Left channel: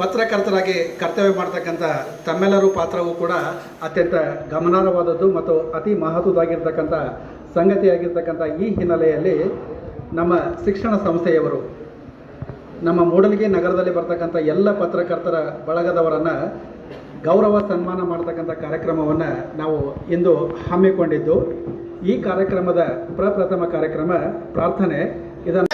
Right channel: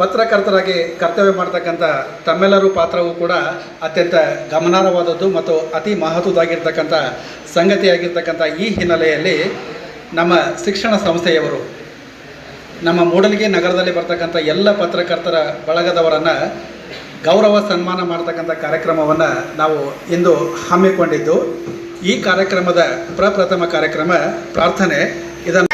ಪತ್ರಕರ್ತರಾಗಿ ಕರ್ತವ್ಯ ಮಾಡ್ತಕ್ಕಂಥ ತಮ್ಮೆಲ್ಲರೂ ಪಾತ್ರವೂ ಕೂಡ ಅತ್ಯಂತ ಗಮನಾರ್ಹವಾದದ್ದು ಮತ್ತು ಅತಿ ಮಹತ್ವದಾಗಿರ್ತಕ್ಕಂಥ ಸಂಗತಿಯಾಗಿರ್ತಕ್ಕಂಥ ಈ ಹಿನ್ನೆಲೆಯಲ್ಲಿ ನಮ್ಮ ಶಿಕ್ಷಣ ಸಂಸ್ಥೆಯವರು ನಮ್ಮ ಮೂಡಲಗಿ ನಗರದಲ್ಲಿ ಬರ್ತಕ್ಕಂಥ ಎಲ್ಲ ಪತ್ರಕರ್ತರ ಬಳಗದವರನ್ನು ಗೌರವ ಸನ್ಮಾನ ಮಾಡ್ತಕ್ಕಂಥ ಕಾರ್ಯಕ್ರಮವನ್ನು ನಾವು ಇಂದು ಹಮ್ಮಿಕೊಂಡಿದ್ದು, ಈ ಕಾರ್ಯಕ್ರಮದ ಪ್ರಪ್ರಥಮ ಕಾರ್ಯಕ್ರಮ ಪ್ರಾರ್ಥನೆ. ಇದನ್ನು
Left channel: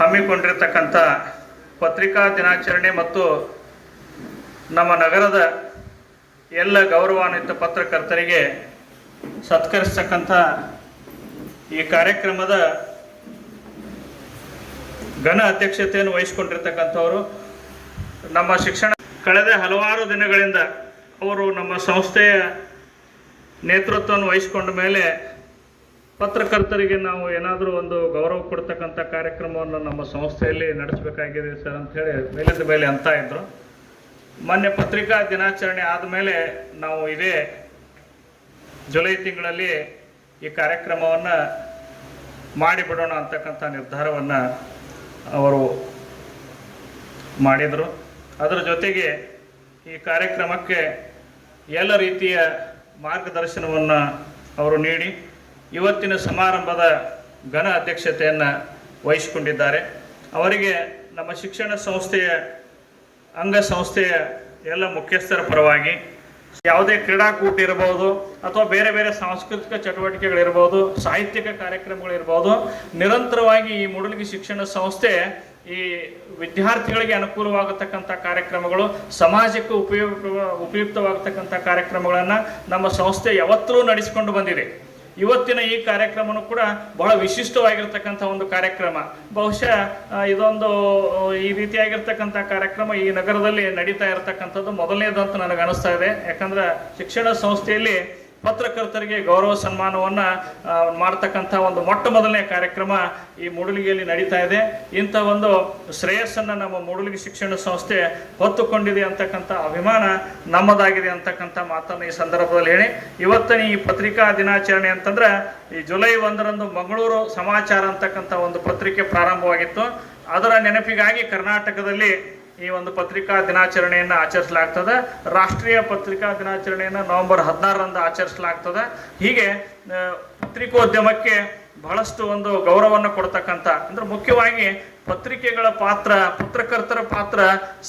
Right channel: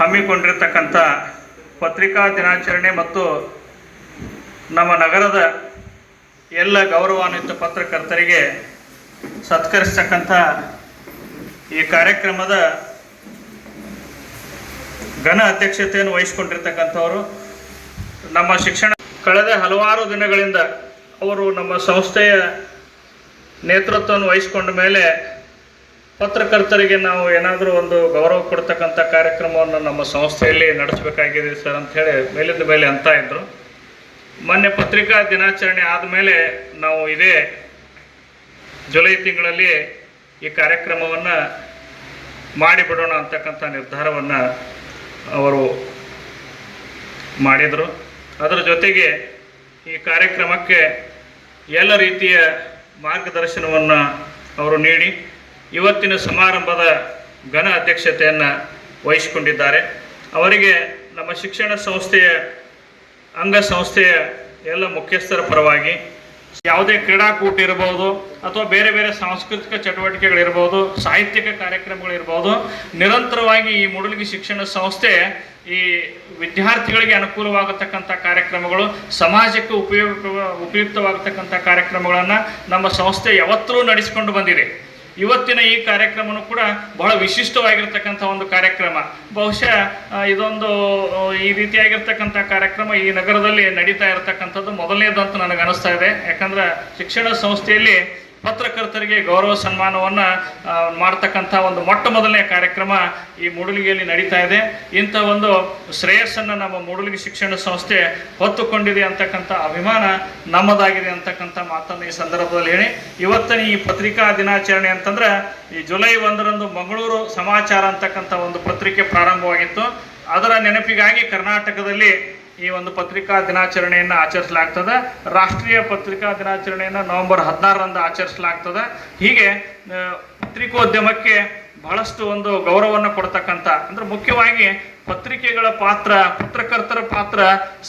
ಹಮ್ಮಿಕೊಂಡಿರ್ತಕ್ಕಂಥ ಪತ್ರಿಕಾ ದಿನಾಚರಣೆ ಮತ್ತು ನಮ್ಮ ನಗರದ ಎಲ್ಲ ಗೌರವಾನ್ವಿತ ಪತ್ರಕರ್ತರಿಗೆ ಸತ್ಕರಿಸ್ತಕ್ಕಂಥ ಈ ಕಾರ್ಯಕ್ರಮದ ಘನ ಅಧ್ಯಕ್ಷತೆಯನ್ನು ವಹಿಸಿಕೊಂಡಿರ್ತಕ್ಕಂಥವರು ನಮ್ಮ ಶಿಕ್ಷಣ ಕಳೆದ ಹಲವಾರು ದಿನಗಳಿಂದ ಅವರು ನಮ್ಮ ಸಂಸ್ಥೆಯ ನೇತೃತ್ವವನ್ನು ವಹಿಸಿಕೊಂಡ ಮೇಲೆ ಪತ್ರಕರ್ತರಿಗೆ ನಾವು ಏನಾದರೂ ಒಂದು ಗೌರವ ಕೊಡ್ತಕ್ಕಂಥ ಕಾರ್ಯಕ್ರಮವನ್ನು ನಮ್ಮ ಸಂಸ್ಥೆಯಲ್ಲಿ ನಡೆಸಬೇಕಾಗಿದೆ ಸರ್ ಅಂಥೇಳಿ ಮೇಲಿಂದ ಮೇಲೆ ಅಂತ ಇದ್ದರು. ಮೊನ್ನೆ ಪತ್ರಿಕಾ ದಿನಾಚರಣೆ ಆದಮೇಲೆ ನಾವು ಇದೇ ಜುಲೈ ತಿಂಗಳಲ್ಲಿ ಈ ಕಾರ್ಯಕ್ರಮವನ್ನು ಮಾಡಿಬಿಡೋಣ ಅಂತಕ್ಕಂಥ ನಿರ್ಧಾರವನ್ನು ಅವರು ಮಾಡಿದರು. ಅದರ ಜೊತೆಗೆ ಈ ಕಾರ್ಯಕ್ರಮಕ್ಕೆ ಎಲ್ಲ ರೀತಿಯ ಮಾರ್ಗದರ್ಶನವನ್ನು ಅವರು ನೀಡಿ ಇವತ್ತಿನ ಸಮಾರಂಭದ ಘನ ಅಧ್ಯಕ್ಷತೆಯನ್ನು ವಹಿಸಿಕೊಂಡಿದ್ದಾರೆ. ಅವರಿಗೆ ನಮ್ಮ ಶಿಕ್ಷಣ ಸಂಸ್ಥೆಯ ಅಂಗಸಂಸ್ಥೆಯ ಎಲ್ಲ ಮುಖ್ಯಸ್ಥರ ಪರವಾಗಿ ಯಾವುದೇ ಕ್ರೀಡಾಕೂಟ ಇರ್ಬೋದು ಅಥವಾ ಬೇರೆ ಬೇರೆ ಸಾಂಸ್ಕೃತಿಕ ಚಟುವಟಿಕೆಗಳಿರ್ಬೋದು, ಸಾಹಿತ್ಯಿಕ ಕಾರ್ಯಕ್ರಮಗಳಿರ್ಬೋದು, ನಿರಂತರವಾಗಿ ಈ ಮೂಡಲಗಿ ಶಿಕ್ಷಣ ಸಂಸ್ಥೆ ಈ ವಿದ್ಯಾರ್ಥಿಗಳಿಗೆ ಅನುಕೂಲವಾಗತಕ್ಕಂಥ ಕಾರ್ಯಕ್ರಮಗಳು, ಸಮಾಜಕ್ಕೆ ಉಪಯುಕ್ತವಾಗತಕ್ಕಂಥ ಕಾರ್ಯಕ್ರಮಗಳನ್ನು ನಮ್ಮ ಸಂಸ್ಥೆ ಯಾವತ್ತೂ ನಡೆಸಿಕೊಂಡು ಬಂದಿದೆ. ಇವತ್ತಿನ ಈ ಕಾರ್ಯಕ್ರಮನೂ ಕೂಡ ಬಹಳ ವಿಶಿಷ್ಟವಾಗಿರ್ತಕ್ಕಂಥ ಒಂದು ಕಾರ್ಯಕ್ರಮ. ಬಹುಶಃ ಇದೊಂದು ಈ ರೀತಿಯಾಗಿರ್ತಕ್ಕಂಥ ಕಾರ್ಯಕ್ರಮ ಈ ನಗರದಲ್ಲಿ ನಡೀತಾ ಇರತಕ್ಕಂಥದ್ದು ಮೊದಲನೇದಂತ ನನಗೆ ಅನಿಸ್ತಾ ಇದೆ. ಯಾಕಂದ್ರೆ ಶಿಕ್ಷಣ ಸಂಸ್ಥೆಯಲ್ಲಿ ಪತ್ರಕರ್ತರಿಗೆ ಗೌರವ ಸನ್ಮಾನವನ್ನು ಮಾಡ್ತಕ್ಕಂಥ ಒಂದು ಮೊಟ್ಟ ಮೊದಲನೇ ಕಾರ್ಯಕ್ರಮ ಈ ಮೂಡಲಗಿಯಲ್ಲಿ ನಡೀತಾ ಇದೆ. ಇಂಥ ಒಂದು ಶ್ರೇಯಸ್ಸನ್ನು ನಮ್ಮ ಮೂಡಲಗಿ ಶಿಕ್ಷಣ ಸಂಸ್ಥೆ ಹೊತ್ತುಕೊಂಡಿದೆ ಅಂತಕ್ಕಂಥ ಅಭಿಮಾನ ನಮ್ಮದಾಗಿದೆ ಅಂತಕ್ಕಂಥ ಮಾತನ್ನು ಈ ಸಂದರ್ಭದಲ್ಲಿ ಹೇಳಿ, ಇವತ್ತಿನ ಈ ಪತ್ರಿಕಾ ದಿನಾಚರಣೆ ಅಂತಂದ್ರೆ ಈ ಜುಲೈ 1ರಂದು ಮಂಗಳೂರು ಸಮಾಚಾರ ಅಂತಕ್ಕಂಥ ಒಂದು ಪತ್ರಿಕೆ ಪ್ರಾರಂಭವಾಗಿತ್ತು. ಅದರ ನೆನಪಿಗಾಗಿ ಕರ್ನಾಟಕದಲ್ಲಿ ಈ ಒಂದು ಪತ್ರಿಕಾ ದಿನಾಚರಣೆಯನ್ನು ಆಚರಿಸಲಾಗ್ತದೆ. ರಾಷ್ಟ್ರೀಯ ಪತ್ರಿಕಾ ದಿನಾಚರಣೆಯನ್ನು ನವೆಂಬರ್ 16ರಂದು ಆಚರಿಸಲಾಗ್ತದೆ. ಹೀಗೆ ಪತ್ರಿಕೋದ್ಯಮಕ್ಕೆ ಬಹಳಷ್ಟು ಒಂದು ಗೌರವವನ್ನು ಕೊಡ್ತಕ್ಕಂಥ, ಅಂದ್ರೆ ಮುಖ್ಯವಾಗಿ ಪತ್ರಿಕೆಗಳ ಪಾತ್ರ, ಪತ್ರಕರ್ತರ ಪಾತ್ರ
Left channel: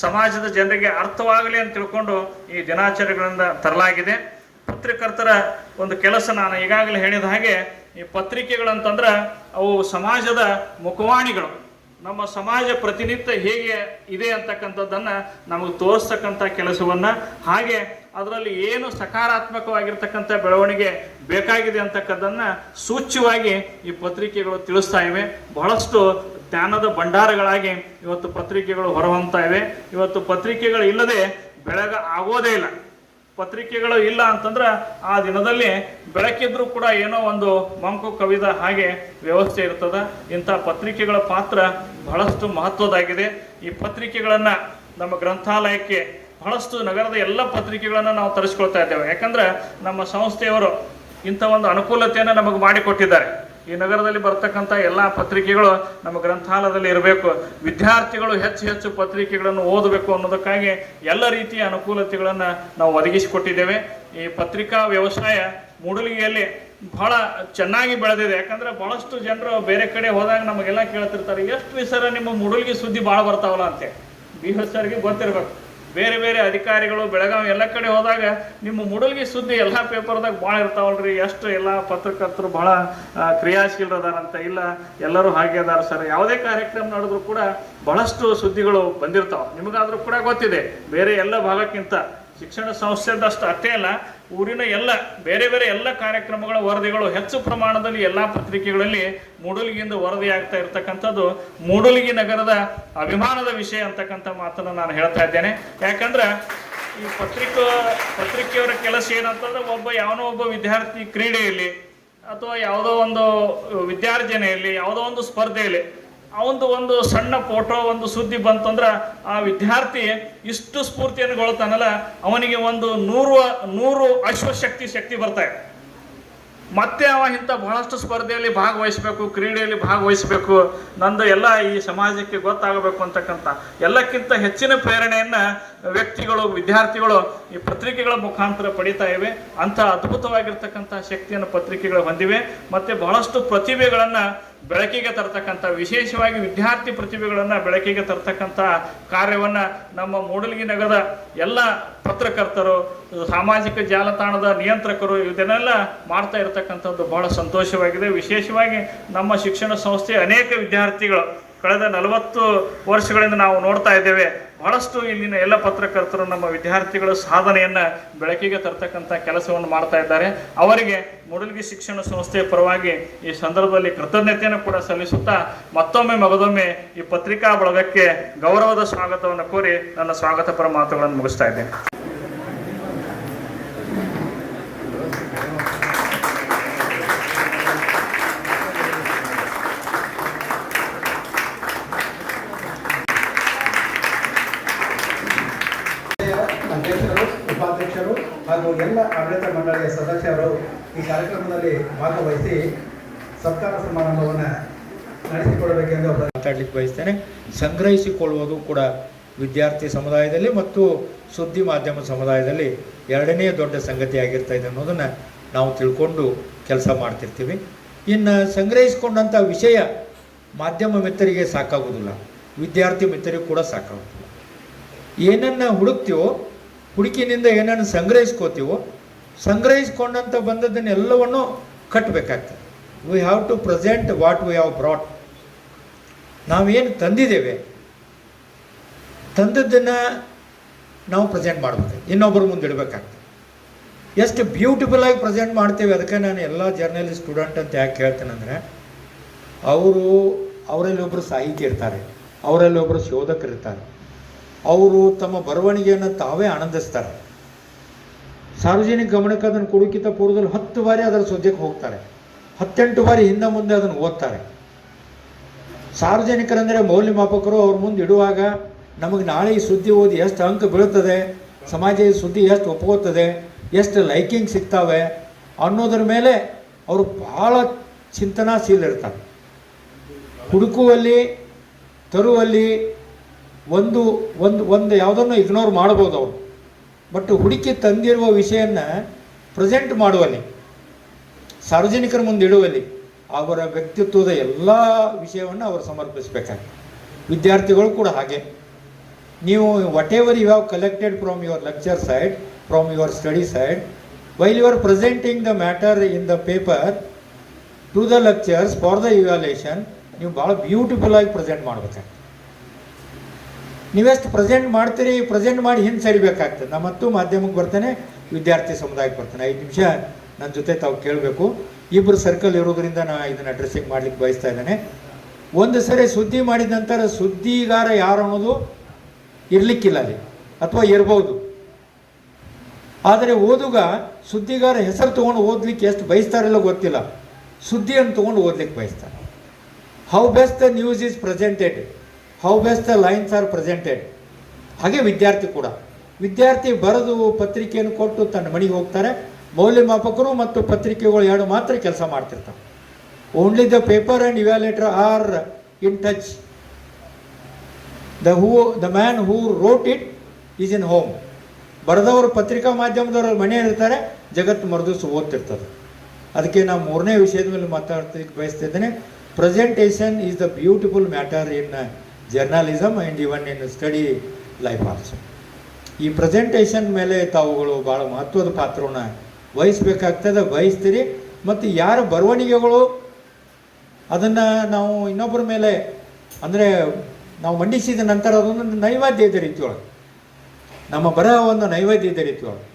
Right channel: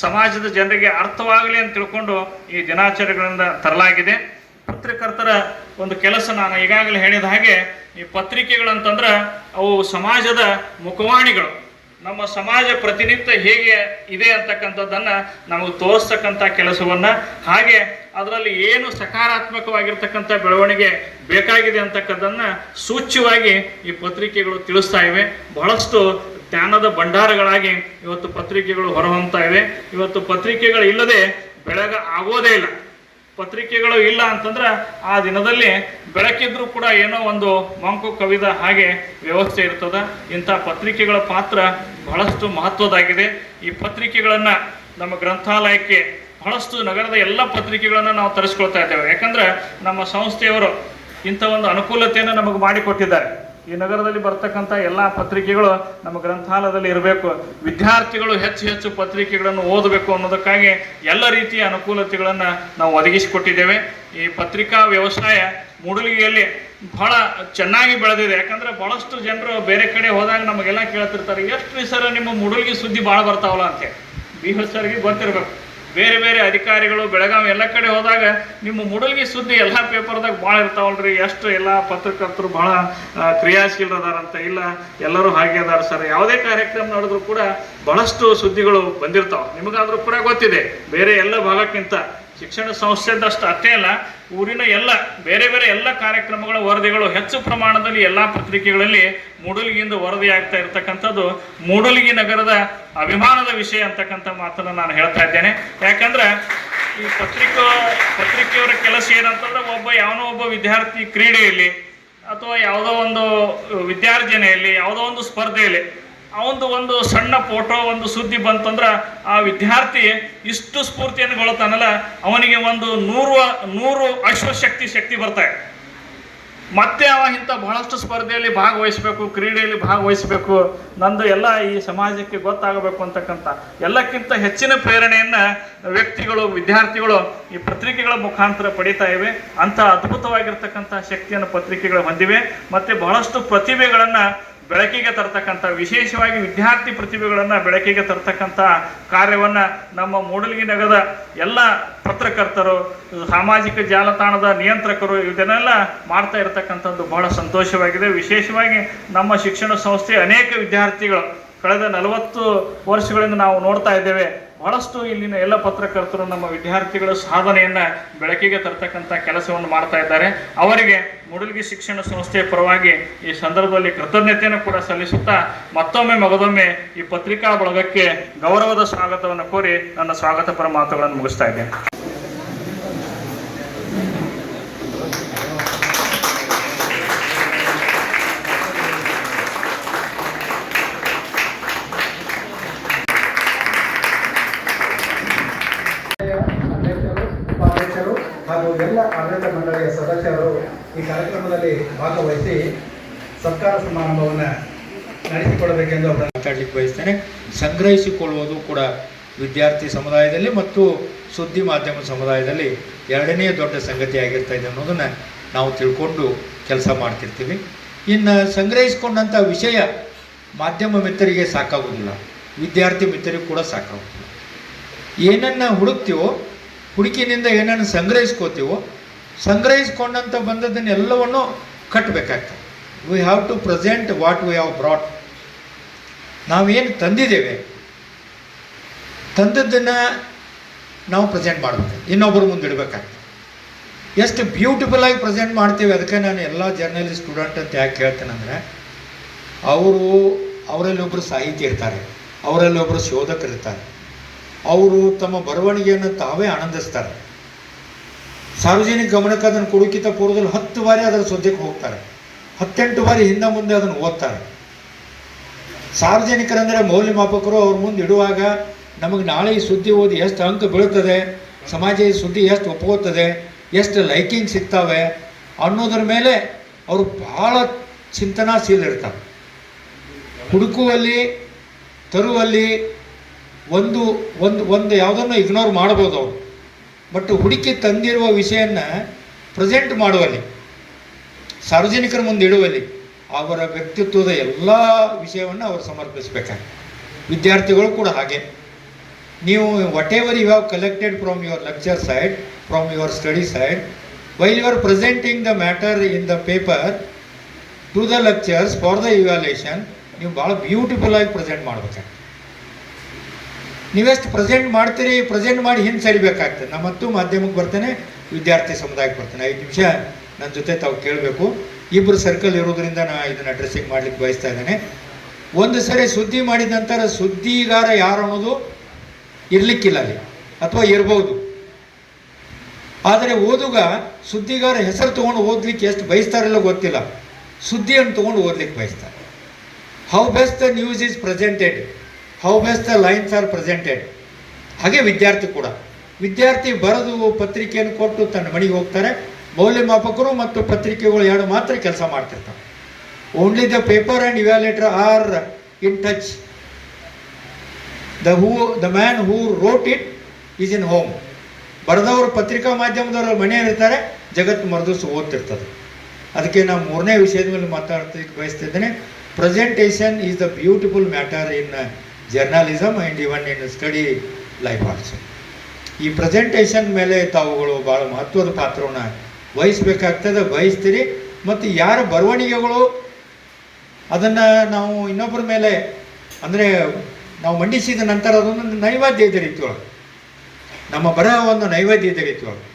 ಸಮಾಜದ ಜನರಿಗೆ ಅರ್ಥವಾಗಲಿ ಅಂತ ತಿಳ್ಕೊಂಡು ಈ ದಿನಾಚರಣೆಗಳಿಂದ ತರಲಾಗಿದೆ. ಪತ್ರಕರ್ತರ ಒಂದು ಕೆಲಸ ನಾನು ಈಗಾಗಲೇ ಹೇಳಿದ ಹಾಗೆ, ಈ ಪತ್ರಿಕೆಗಳಂತಂದ್ರೆ ಅವು ಸಮಾಜದ ಮುಖವಾಣಿಗಳು. ನಮ್ಮ ಸಮಾಜ ಪ್ರತಿನಿತ್ಯ ಹೇಗೆ ಇದೆ ಅಂತಕ್ಕಂಥದ್ದನ್ನು ನಮಗೆ ತೋರಿಸ್ತಕ್ಕಂಥ ಕೆಲಸವನ್ನು, ಹಾಗೆ ಅದರಲ್ಲಿ ಏನು ಸಕಾರಾತ್ಮಕವಾಗಿರ್ತಕ್ಕಂಥ ಬೆಳವಣಿಗೆ ಬೇಕಾಗಿದೆ ಅಂತಕ್ಕದ್ದನ್ನು ಸೂಚ್ಯವಾಗಿ ಈ ಪತ್ರಿಕೆಗಳು ತಿಳಿಸ್ತಾ ಇವೆ. ಬಹಳಷ್ಟು ಜ್ಞಾನದ ಭಂಡಾರಗಳಾಗಿ ಇವತ್ತು ಪತ್ರಿಕೆಗಳು ಹೊರಹೊಮ್ತಾ ಇವೆ. ಇವತ್ತು ಪತ್ರಿಕೆಗಳು ಇಲ್ಲದೆ ಬೆಳಗ ಆಗೋದೇ ಇಲ್ಲ. ಪತ್ರಿಕೆಗಳು ಇಲ್ಲ ಅಂತಂದ್ರೆ ಆ ದಿನದಲ್ಲಿ ಬೆಳಕಿದ್ರೂ ಕೂಡ ಏನೋ ಒಂದು ಮಂಕು ಕವಿದ ಹಾಗೆ ವ್ಯವಸ್ಥೆ ಇರ್ತದೆ. ಇಂಥ ಪತ್ರಿಕೆಗಳ ಪಾತ್ರ ಬಹಳಷ್ಟು ಮಹತ್ವದಾಗಿದೆ. ಈ ಪತ್ರಿಕೆಗಳನ್ನು ನಮ್ಮ ಗ್ರಂಥಾಲಯಕ್ಕೆ ಬಹಳಷ್ಟು ನಗರದ ಎಲ್ಲ ಪತ್ರಿಕೆಗಳನ್ನು ನಾವು ತರಿಸ್ಕೊಳ್ತಾ ಇದ್ದೇವೆ. ಯಾಕಂದ್ರೆ ನಮ್ಮ ಸಂಸ್ಥೆಯವರು ಇಂಥ ಒಂದು ಅನುಕೂಲತೆಯನ್ನು ನಮಗೆ ಮಾಡಿಕೊಟ್ಟಿದ್ದಾರೆ. ಈ ನಗರದಲ್ಲಿ ಬರ್ತಕ್ಕಂಥ ಎಲ್ಲ ಪತ್ರಿಕೆಗಳು ನಮ್ಮ ಗ್ರಂಥಾಲಯದಲ್ಲಿ ಇರಬೇಕು, ವಿದ್ಯಾರ್ಥಿಗಳು ಹೆಚ್ಚು ಹೆಚ್ಚು ಪತ್ರಿಕೆಗಳನ್ನು ಓದಬೇಕು ಅನ್ನೋದಕ್ಕಾಗಿ ಎಲ್ಲ ರೀತಿಯ ಅನುಕೂಲತೆಗಳನ್ನು ನಾವು ಒದಗಿಸಿಕೊಟ್ಟಿದ್ದೇವೆ. ಈ ಪತ್ರಿಕಾ ವ್ಯವಸಾಯ ಮೂಡಲಗಿಯಲ್ಲಿ ಬಹಳ ಚೆನ್ನಾಗಿ ಬೆಳೆದಿದೆ. ಯಾಕಂದ್ರೆ ಬಹಳಷ್ಟು ಜನರು ಬೇರೆ ಕಡೆ ಹೋದಾಗ ನಮಗೆಲ್ಲ ಕೇಳ್ತಿರ್ತಾರೆ, ಎಷ್ಟು ಸರ ನಿಮ್ಮ ಮೂಡಲಗಿ ಸುದ್ದಿ ಭಾಳ ಬರ್ತಾವಲ್ಲ ಅಂತ. ಬಿ ಸರ್ಗೆ ಗೊತ್ತಿರ್ಬೇಕು, ಬೇರೆ ಬೇರೆ ಅಧಿಕಾರಿಗಳು ಬೆಳಗಾವಿ ಎಲ್ಲ ಕಡೆ ಹೋದಾಗ ನಿಮ್ಮ ಮೂಡಲಗಿ ಸುದ್ದಿ ಎಲ್ಲ ಪೇಪರ್ದಾಗ ಭಾಳ ಇರ್ತಾವಲ್ರಿ, ಎಷ್ಟು ಎಲ್ಲ ಪತ್ರಕರ್ತರು ಭಾಳ ಕ್ರಿಯಾಶೀಲರದಾರಂತ. ಇಲ್ಲ, ಎಲ್ಲರೂ ಹಾಗೆ ಅದಾರ ಸರ್. ಯಾವುದೇ ಕಾರ್ಯಕ್ರಮ ನಡೆದ್ರು ಕೂಡ ಬಹಳಷ್ಟು ಸುದ್ದಿಗಳು ಬಂದಿರ್ತಾವೆ. ನಿಮಗಾದ್ರೂ ಕೂಡ ಗೊತ್ತಿದೆ, ಬೇರೆ ಎಲ್ಲ ಭಾಗಕ್ಕಿಂತ ಶಿಕ್ಷಣ ಸಂಸ್ಥೆದಷ್ಟು ಅಷ್ಟೇ ಅಲ್ಲ, ಊರಿನ ಎಲ್ಲ ಬೇರೆ ಬೇರೆ ಎಲ್ಲ ಕಾರ್ಯಕ್ರಮಗಳ ವರದಿಗಳು ಹೆಚ್ಚು ಪ್ರಮಾಣದಲ್ಲಿ ಎಲ್ಲ ಪತ್ರಿಕೆಗಳಲ್ಲಿ ಮೂಡಲಗಿಯಿಂದ ವರದಿ ಆಗ್ತಾ ಇರ್ತಕ್ಕಂಥದ್ದು ಮೂಡಲಗಿ ನಗರದ ಅಭಿಮಾನದ ವಿಷಯ ಅಂತಕ್ಕಂಥ ಮಾತನ್ನು ನಾನು ಹೇಳ್ತಾ ಇದ್ದೇನೆ. ಯಾಕಂದ್ರೆ ಈ ಪತ್ರಿಕೆಯವರ ಕೆಲಸ ಏನಂತಂದ್ರೆ, ಯಾವನೋ ಒಬ್ಬ ವಿದ್ಯಾರ್ಥಿ ಕ್ರೀಡೆಯಲ್ಲಿ ಅಥವಾ ಯಾವುದೋ ಒಂದು ವಿದ್ಯಾರ್ಜನೆಯಲ್ಲಿ, ಯಾವುದೋ ಒಂದು ಸ್ಪರ್ಧೆಯಲ್ಲಿ ಅವಂದು ಒಂದು ಸಣ್ಣ ಫೋಟೋ, ಒಂದು ಸುದ್ದಿ ಬಂತಂದ್ರೆ ಆ ವಿದ್ಯಾರ್ಥಿ ಇಷ್ಟು ಸ್ಫೂರ್ತಿಯನ್ನು ಗೊಳ್ತಾನಲ್ಲ, ಅವನಿಗೆ ಒಂದು 100 ಅಶ್ವಶಕ್ತಿ ಬರ್ತಾರೆ. ಮತ್ತೆ ಅವ ಇಂಥ ಬಹಳಷ್ಟು ಸ್ಪರ್ಧೆಯಲ್ಲಿ ಭಾಗವಹಿಸಬೇಕು, ಕ್ರೀಡೆಯಲ್ಲಿ ಭಾಗವಹಿಸಬೇಕು, ನಂದು ಎಲ್ಲ ಈ ಸಮಾಜಕ್ಕೆ ಗೊತ್ತಾಗಬೇಕು ಅಂತಕ್ಕಂಥ ಎಲ್ಲಕ್ಕಿಂತ ಹೆಚ್ಚಿನ ಪ್ರೇರಣೆಯನ್ನು ವ್ಯಕ್ತಿಗಳು, ವಿದ್ಯಾರ್ಥಿಗಳು ಈ ಪತ್ರಿಕೆಗಳ ಮುಖಾಂತರ ಪಡಿತಾ ಇವೆ. ಅಂಥ ಅದ್ಭುತವಾಗಿರ್ತಕ್ಕಂಥ ಶಕ್ತಿಯನ್ನು ಪತ್ರಿಕೆಗಳು ಹೊಂದಿವೆ. ಮತ್ತು ಬಹಳಷ್ಟು ಪ್ರತಿಭೆಗಳನ್ನು ಬೆಳಕಿಗೆ ತರ್ತಕ್ಕಂಥ, ವಿಶೇಷವಾಗಿ ವಿದ್ಯಾರ್ಥಿ ಪ್ರತಿಭೆಗಳನ್ನು ಬೆಳಕಿಗೆ ತರ್ತಕ್ಕಂಥ ಕಾರ್ಯವನ್ನು ನಮ್ಮ ಮೂಡಲಗಿ ನಗರದ ಎಲ್ಲ ಪತ್ರಕರ್ತರು, ಸಾಮಾಜಿಕ ಜಾಲತಾಣದ ನಿಯಂತ್ರಕರು ಇದನ್ನೆಲ್ಲ ಮಾಡ್ತಾ ಇರತಕ್ಕಂಥದ್ದು ಬಹಳ ಸಂತೋಷವಾಗಿದೆ. ವಿಶೇಷವಾಗಿ ನಮ್ಮ ಶಿಕ್ಷಣ ಸಂಸ್ಥೆ ಅನೇಕ ವಿದ್ಯಾರ್ಥಿಗಳು ಕಳೆದ 40 ವರ್ಷಗಳಿಂದ ನಾವು ನೋಡ್ತಾ ಇದ್ದೇವೆ, ಬಹಳಷ್ಟು ಇಲ್ಲಿನ ಎಲ್ಲ ಪತ್ರಕರ್ತರು ನಮ್ಮ ವಿದ್ಯಾರ್ಥಿಗಳ ಸಾಧನೆಯನ್ನು ಬೆಳಕಿಗೆ ತರ್ತಕ್ಕಂಥ ಕೆಲಸವನ್ನು ಮಾಡ್ತಾ ಇದ್ದಾರೆ. ಅವರಿಗೆ ಮೂಡಲಗಿ ಶಿಕ್ಷಣ ಸಂಸ್ಥೆಯ ಪರವಾಗಿ ಈ ಸಂದರ್ಭದಲ್ಲಿ ಕೃತಜ್ಞತೆಯನ್ನು ಕೂಡ ಸಲ್ಲಿಸುತ್ತಾ ಮಗದೊಮ್ಮೆ ಈ ಪತ್ರಿಕಾ ಬಳಗಕ್ಕೆ ಗೌರವದ ಸ್ವಾಗತವನ್ನು ಕೋರಿ ನನ್ನ ಸ್ವಾಗತಪರ ಮಾತುಗಳನ್ನು ಮುಗಿಸ್ತಾ ಇದ್ದೇನೆ. ಅಧ್ಯಕ್ಷರು, ಉಪಾಧ್ಯಕ್ಷರು ಹಾಗೂ ಎಲ್ಲ ಆಡಳಿತ ಮಂಡಳಿಯ ಸದಸ್ಯರು ಈ ಕಾರ್ಯಕ್ರಮದಲ್ಲಿ ಭಾಗವಹಿಸಿ ಸತ್ಕಾರ ಸಮಾರಂಭವನ್ನು ನಡೆಸಿಕೊಡಬೇಕೆಂದು ಮಾತಾಡಲಿಕ್ಕೆ ಬಯಸ್ತೇನೆ. ಸಂಗ್ರಹಿಸಿಕೊಳ್ಳುವುದು ಕೂಡ ವಿದ್ಯಾರ್ಥಿ ಸಮುದಾಯದಲ್ಲಿ ಮತ್ತು ಸುದ್ದಿ ಮಾಧ್ಯಮ ಸಮುದಾಯದಲ್ಲಿ ಎರಡನೇ ದೊಡ್ಡ ಸಂಗತಿ ಆಗಿರ್ತಾ ಇದೆ ಅನ್ನೋದನ್ನು ನಾವು ತಿಳ್ಕೊಂಡು ಕೆಲಸ ಮಾಡ್ತಿರ್ತೀವಿ. ಇನ್ನು ಸಂಗ್ರಹಿಸಿಕೊಂಡಂಥ ವಿಷಯ ಮಾಧ್ಯಮ ಮಿತ್ರರಿಗೆ ಸಾಕಾಗೋದಿಲ್ಲ, ವಿದ್ಯಾರ್ಥಿ ಮಿತ್ರರಿಗೆ ಕೂಡ ಸಾಕಾಗೋದಿಲ್ಲ. ಏನನ್ನು ಹುಡುಕ್ತೀವೋ, ಹುಡುಕಿನಿಂದ ಏನನ್ನು ಸಂಗ್ರಹಿಸ್ಕೋತೀವೋ, ಸಂಗ್ರಹಿಸ್ಕೊಂಡಂಥ ಬಂದದ್ದನ್ನೆಲ್ಲವನ್ನು ಕಟ್ಟಬೇಕಾಗ್ತದೆ. We have to present what we have brought. ನಾವೇನು ತಂದಿದ್ದೇವೆ, ತಂದದ್ದನ್ನು ನಾವು ಪ್ರೆಸೆಂಟ್ ಮಾಡಬೇಕು, ಇನ್ನೊಬ್ಬರ ಮುಂದೆ ಇಡಬೇಕಾಗ್ತದೆ. ಎಷ್ಟು ಬ್ಯೂಟಿಫುಲ್ಲಾಗಿ ಪ್ರೆಸೆಂಟ್ ಮಾಡ್ತೇವೆ. ಅದಕ್ಕೆ ನಾನು ಎಲ್ಲ ಜರ್ನಲಿಸ್ಟ್ ಸ್ಟೂಡೆಂಟ್ ಅಂತ ಯಾಕೆ ಹೇಳ್ತೇನೆಂದರೆ, ಅವರಲ್ಲಿ ಒಬ್ಬರು ಸಾಹಿತಿ ಇರ್ತಾರೆ, ಅವರಲ್ಲಿ ಒಬ್ಬರು ಶೋಧಕರಿರ್ತಾರೆ. ಅವರು ತಮ್ಮ ಬರವಣಿಗೆಯನ್ನು ತಾವೇ ಆನಂದಿಸ್ತಾರೆ. ಸಾರ್ವಜನಿಕ ಗಮನಕ್ಕೆ ಅದನ್ನು ಕೊಡೋಕ್ಕಿಂತ ಪೂರ್ವದಲ್ಲಿ 10 ಬಾರಿ ಅದರ ಸದ್ಯಕ್ಕೆ ಹೋಗ್ತಾರೆ, 18 ಬಾರಿ ಹಿಂದೆ ಮುಂದೆ ಅದನ್ನು ಓದ್ತಾರೆ. ಸಾರ್ವಜನಿಕರಂದರೆ ಮೌಲ್ಯಮಾಪಕರು. ಅವ್ರ ಮುಂದೆ ಇಡುವಾಗ ನಮಗೆ ನಾಳೆ ಈ ಸುದ್ದಿ ಓದಿ ಎಷ್ಟು ಅಂಕ ಬೀಳುತ್ತದೆ, ಸಮಾಜ ಈ ಸುದ್ದಿ ಎಷ್ಟು ಒಪ್ಕೋತದೆ, ಎಷ್ಟು ಲೈಕಿಂಗ್ ಸಿಗ್ತವೆ ಅನ್ನೋದ್ರ ಮೇಲೆ ಅವರು ಭಾಳ ಚಿಂತನಾಶೀಲರಿರ್ತಾರೆ. ಹುಡುಕುವಲ್ಲಿ, ತರುವಲ್ಲಿ ಒಂದು ಯಾವುದನ್ನು ಇಗ್ನೋರ್ ಮಾಡ್ಬೋದು ಅವರು. ಬಟ್ ಹುಡುಕಿ ತಂದಿರುವ ವಿಷಯನ ಪ್ರೆಸೆಂಟ್ ಮಾಡುವಲ್ಲಿ, ಸಾರ್ವಜನಿಕರ ಮುಂದೆ ಇಡುವಲ್ಲಿ ಅವರ ವ್ಯಕ್ತಿತ್ವದ ಎಲ್ಲ ವಿಷಯವನ್ನು ಅವರು ಸಮರ್ಪಿಸಬೇಕಾಗಿ. ವಿದ್ಯಾರ್ಥಿಗಳು ಕೂಡ ಹಾಗೆ. ನೀವು what ever you have collected from your lecture side, from your study side, while you are presenting the matter in the paper to the lectures for the evaluation, ನೀವು ಭಾಳ ಬ್ಯೂಟಿಫುಲ್ಲಾಗಿ ಪ್ರೆಸೆಂಟ್ ಮಾಡಬೇಕಾಗ್ತದೆ. ನೀವೆಷ್ಟು ಪ್ರೆಸೆಂಟ್ ಮಾಡ್ತೀರಿ, ಪ್ರೆಸೆಂಟ್ ಮಾಡಿ ಹಿಂದೆ ಸರಿಬೇಕಾಗ್ತದೆ. ನಾನು ಮತ್ತು ಮಾಧ್ಯಮಕ್ಕೆ ಬರ್ತೇನೆ, ವಿದ್ಯಾರ್ಥಿ ಸಮುದಾಯಕ್ಕೆ ಬರ್ತೇನೆ. 5 ನಿಮಿಷ ನನ್ನ ಜೊತೆ ತಾವು ಕೇಳಬೇಕು. ಇಬ್ಬರು ಸರ್ಕಲ್ ಇರೋದ್ರಿಂದ ನಾನು ಇದನ್ನು ಡ್ರೆಸ್ಸಿಂಗ್ ಮಾಡಲಿಕ್ಕೆ ಬಯಸ್ತಾ ಇದ್ದೇನೆ. ಒಂದು ಸರಿ ಸುದ್ದಿ ಮಾಡಿದ ನಂತರ ಸುದ್ದಿಗಾರ ಯಾರು ಅನ್ನೋದು ಇರಲಿಕ್ಕಿಲ್ಲ ಅಲ್ಲಿ, ಅಥವಾ ಇರ್ಬೋದು. ಆದರೆ ಓದುಗ ಸುದ್ದಿಗಾರ ಹೆಸರು ತೊಗೊಂಡು ಓದಲಿಕ್ಕೆ ಎಷ್ಟು ಬಯಸ್ತಾರೆಲ್ಲ ಗೊತ್ತಿಲ್ಲ, ಸುದ್ದಿಯನ್ನು ತೊಗೊಂಡು ಓದಲಿಕ್ಕೆ ಬಯಸ್ತಾರೆ. How best the news is presented, how best the lines are presented. ಹಾಗೆ ವಿದ್ಯಾರ್ಥಿ ಕೂಡ, ವಿದ್ಯಾರ್ಥಿ ಬರೆದು ಪತ್ರಿಕೆಯನ್ನು ಕೊಟ್ಟು ತನ್ನ ಮನೆಗೆ ಹೋಗ್ತಾರೆ. ಮೌಲ್ಯಮಾಪಕರು ಮತ್ತು ಪತ್ರಿಕೆಗಳು ಎರಡು ಮಾತ್ರ ಕೆಲಸ ಮಾಡ್ತಿರ್ತಾರೆ. Only the paper and evaluator are in touch. The man who wrote it is in home. ಬರೆದವರು ಪತ್ರಿಕಾ ಮಾಧ್ಯಮದವರು ಮನೆಯಲ್ಲಿರ್ತಾರೆ, ಜಗತ್ತು ಮರದಿವ್ಸ ಓದ್ತಿರ್ತದೆ. ಅದಕ್ಕೆ ನಾವು ಮೂರನೇ ವಿಷಯದ ಮೇಲೆ ಮಾತಾಡ್ತಿಕ್ಕೆ ಬಯಸ್ತಿದ್ದೇನೆ. Presentation is the beautiful matter in journalism and even in study life also. ಈ ಪ್ರೆಸೆಂಟೇಷನ್ ಮೇಲೆ ತಾವುಗಳು ಭಾಳ ಮಹತ್ವದ ಪಾತ್ರವನ್ನು ವಹಿಸ್ಬೇಕಾಗ್ತದೆ, ವಹಿಸ್ತೀರಿ. ಮತ್ತು ಯಾರ ಬರವಣಿಗೆಗಳು ಅದನ್ನು ನಾವು ಇನ್ನೊಬ್ಬರ ಮೇಲೆ ಅಂದರೆ ನಾವು ಮಂಡಿಸಿದ ನಂತರ ಅದೊಂದು ನೈವೇದ್ಯದ ರೀತಿಯೊಳಗೆ, ನಮ್ಮ ಬರಹ ಒಂದು ನೈವೇದ್ಯದ ರೀತಿಯೊಳಗೆ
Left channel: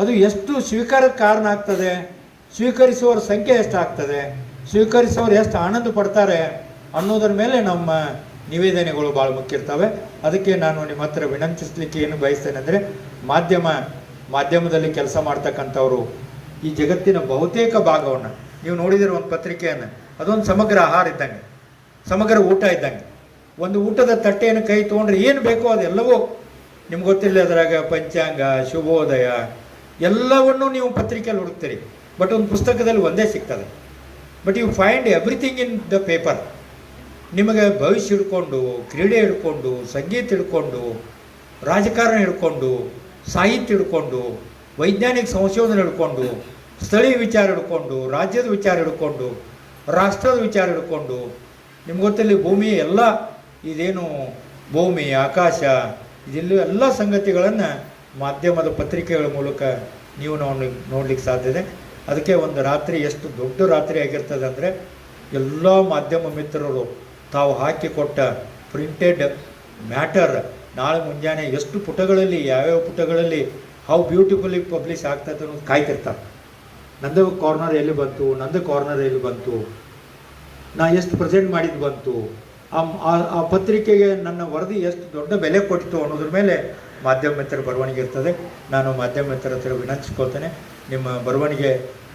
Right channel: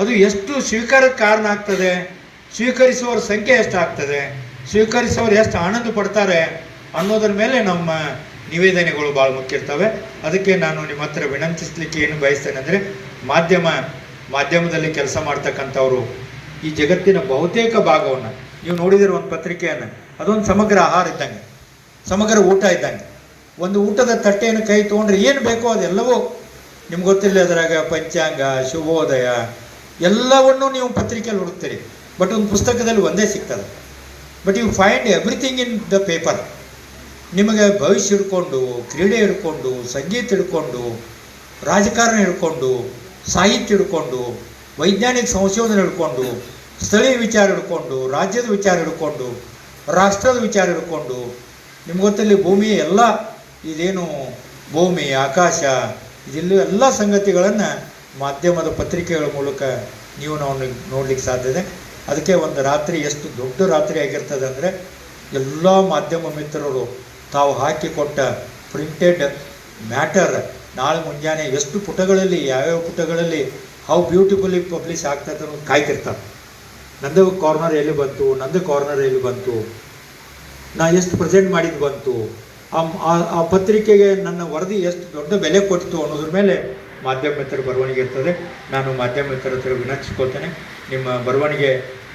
ಅದು ಎಷ್ಟು ಸ್ವೀಕಾರಕ್ಕೆ ಕಾರಣ ಆಗ್ತದೆ, ಸ್ವೀಕರಿಸುವವರ ಸಂಖ್ಯೆ ಎಷ್ಟಾಗ್ತದೆ, ಸ್ವೀಕರಿಸುವವರು ಎಷ್ಟು ಆನಂದ ಪಡ್ತಾರೆ ಅನ್ನೋದ್ರ ಮೇಲೆ ನಮ್ಮ ನಿವೇದನೆಗಳು ಭಾಳ ಮುಖ್ಯ ಇರ್ತವೆ. ಅದಕ್ಕೆ ನಾನು ನಿಮ್ಮ ಹತ್ರ ವಿನಂತಿಸಲಿಕ್ಕೆ ಏನು ಬಯಸ್ತೇನೆ ಅಂದರೆ, ಮಾಧ್ಯಮದಲ್ಲಿ ಕೆಲಸ ಮಾಡ್ತಕ್ಕಂಥವ್ರು ಈ ಜಗತ್ತಿನ ಬಹುತೇಕ ಭಾಗವನ್ನು ನೀವು ನೋಡಿದಿರೋ ಒಂದು ಪತ್ರಿಕೆಯನ್ನು, ಅದೊಂದು ಸಮಗ್ರ ಆಹಾರ ಇದ್ದಂಗೆ, ಸಮಗ್ರ ಊಟ ಇದ್ದಂಗೆ. ಒಂದು ಊಟದ ತಟ್ಟೆಯನ್ನು ಕೈ ತೊಗೊಂಡ್ರೆ ಏನು ಬೇಕೋ ಅದೆಲ್ಲವೂ ನಿಮ್ಗೆ ಗೊತ್ತಿಲ್ಲ. ಅದರಾಗ ಪಂಚಾಂಗ, ಶುಭೋದಯ ಎಲ್ಲವನ್ನೂ ನೀವು ಪತ್ರಿಕೆಯಲ್ಲಿ ಹುಡುಕ್ತೀರಿ. ಬಟ್ ಒಂದು ಪುಸ್ತಕದಲ್ಲಿ ಒಂದೇ ಸಿಗ್ತದೆ. But you find everything in the paper. ನಿಮಗೆ ಭವಿಷ್ಯ ಹಿಡ್ಕೊಂಡು, ಕ್ರೀಡೆ ಹಿಡ್ಕೊಂಡು, ಸಂಗೀತ ಹಿಡ್ಕೊಂಡು, ರಾಜಕಾರಣ ಹಿಡ್ಕೊಂಡು, ಸಾಹಿತ್ಯ ಹಿಡ್ಕೊಂಡು, ವೈಜ್ಞಾನಿಕ ಸಂಶೋಧನೆ ಹಿಡ್ಕೊಂಡು, ಸ್ಥಳೀಯ ವಿಚಾರ ಹಿಡ್ಕೊಂಡು, ರಾಜ್ಯದ ವಿಚಾರ ಹಿಡ್ಕೊಂಡು, ರಾಷ್ಟ್ರದ ವಿಚಾರ ಹಿಡ್ಕೊಂಡು, ನಿಮ್ಗೆ ಗೊತ್ತಿಲ್ಲ ಭೂಮಿ ಎಲ್ಲ ಇದೇನು ಭೂಮಿ, ಆಕಾಶ, ಇದೆಲ್ಲೂ ಎಲ್ಲ ಸಂಗತಿಗಳನ್ನು ಮಾಧ್ಯಮದ ಪತ್ರಿಕೆಗಳ ಮೂಲಕ ನೀವು ನಾವು ನೋಡ್ಲಿಕ್ಕೆ ಸಾಧ್ಯತೆ. ಅದಕ್ಕೆ ಒಂದು ರಾತ್ರಿ ಎಷ್ಟು ದೊಡ್ಡ ರಾತ್ರಿ ಆಗಿರ್ತದೆ ಅಂದರೆ, ಎಲ್ಲ ಮಾಧ್ಯಮ ಮಿತ್ರರು ತಾವು ಹಾಕಿಕೊಟ್ಟ ಪ್ರಿಂಟೆಡ್ ಮ್ಯಾಟರ್ ನಾಳೆ ಮುಂಜಾನೆ ಎಷ್ಟು ಪುಟಗಳಲ್ಲಿ, ಯಾವ್ಯಾವ ಪುಟಗಳಲ್ಲಿ ಹೌ ಬ್ಯೂಟಿಫುಲಿ ಪಬ್ಲಿಷ್ ಆಗ್ತದೆ ಅನ್ನೋದು ಕಾಯ್ತಿರ್ತಾರೆ. ನಂದು ಕಾರ್ನರ್ ಎಲ್ಲಿ ಬಂತು, ನಂದು ಕಾರ್ನರ್ ಎಲ್ಲಿ ಬಂತು, ನಾ ಎಷ್ಟು ಪ್ರೆಸೆಂಟ್ ಮಾಡಿದ್ದು ಬಂತು, ಆ ಪತ್ರಿಕೆಗೆ ನನ್ನ ವರದಿ ಎಷ್ಟು ದೊಡ್ಡ ಬೆಲೆ ಕೊಟ್ಟಿತು ಅನ್ನೋದ್ರ ಮೇಲೆ ಮಾಧ್ಯಮ ಮಿತ್ರರ ಬರವಣಿಗೆ ಇರ್ತದೆ. ನಾನು ಮಾಧ್ಯಮ ಮಿತ್ರರ ಹತ್ರ ವಿನಂತಿಸ್ಕೊಳ್ತೇನೆ, ನಿಮ್ಮ ಬರವಣಿಗೆ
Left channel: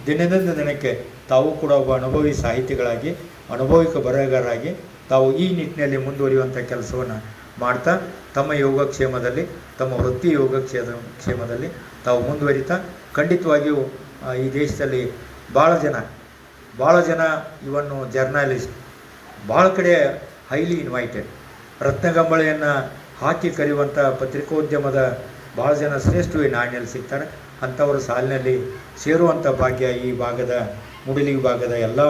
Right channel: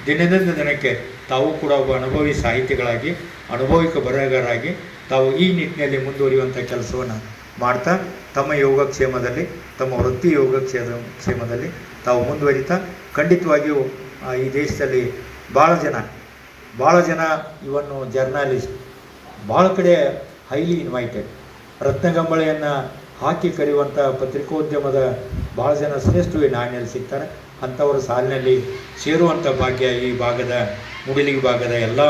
ದಿನದಿಂದ ದಿನಕ್ಕೆ ತಾವು ಕೂಡ ಒಬ್ಬ ಅನುಭವಿ ಸಾಹಿತಿಗಳಾಗಿ, ಅನುಭವಿಕ ಬರಹಗಾರರಾಗಿ ತಾವು ಈ ನಿಟ್ಟಿನಲ್ಲಿ ಮುಂದುವರಿಯುವಂಥ ಕೆಲಸವನ್ನು ಮಾಡ್ತಾ ತಮ್ಮ ಯೋಗಕ್ಷೇಮದಲ್ಲಿ, ತಮ್ಮ ವೃತ್ತಿ ಯೋಗಕ್ಷೇಮದಲ್ಲಿ ತಾವು ಮುಂದುವರಿತಾ ಖಂಡಿತವಾಗಿಯೂ ಈ ದೇಶದಲ್ಲಿ ಭಾಳ ಜನ ಇವನ್ನು ಜರ್ನಲಿಸ್ಟ್ ಭಾಳ ಕಡೆ ಹೈಲಿ ಇನ್ವೈಟೆಡ್, ರತ್ನಗಂಬಳೆಯನ್ನು ಹಾಕಿ ಕರೆಯುವಂಥ ಪತ್ರಿಕೋದ್ಯಮದ ಭಾಳ ಜನ ಶ್ರೇಷ್ಠ ನಾಡಿನಲ್ಲಿ ಸಿಗ್ತಾರೆ. ಅಂಥವರ ಸಾಲಿನಲ್ಲಿ ಸೇರುವಂಥ ಭಾಗ್ಯ ಈ ಭಾಗದ ಮುಡಿಲಿಗಿ ಭಾಗದ ಎಲ್ಲ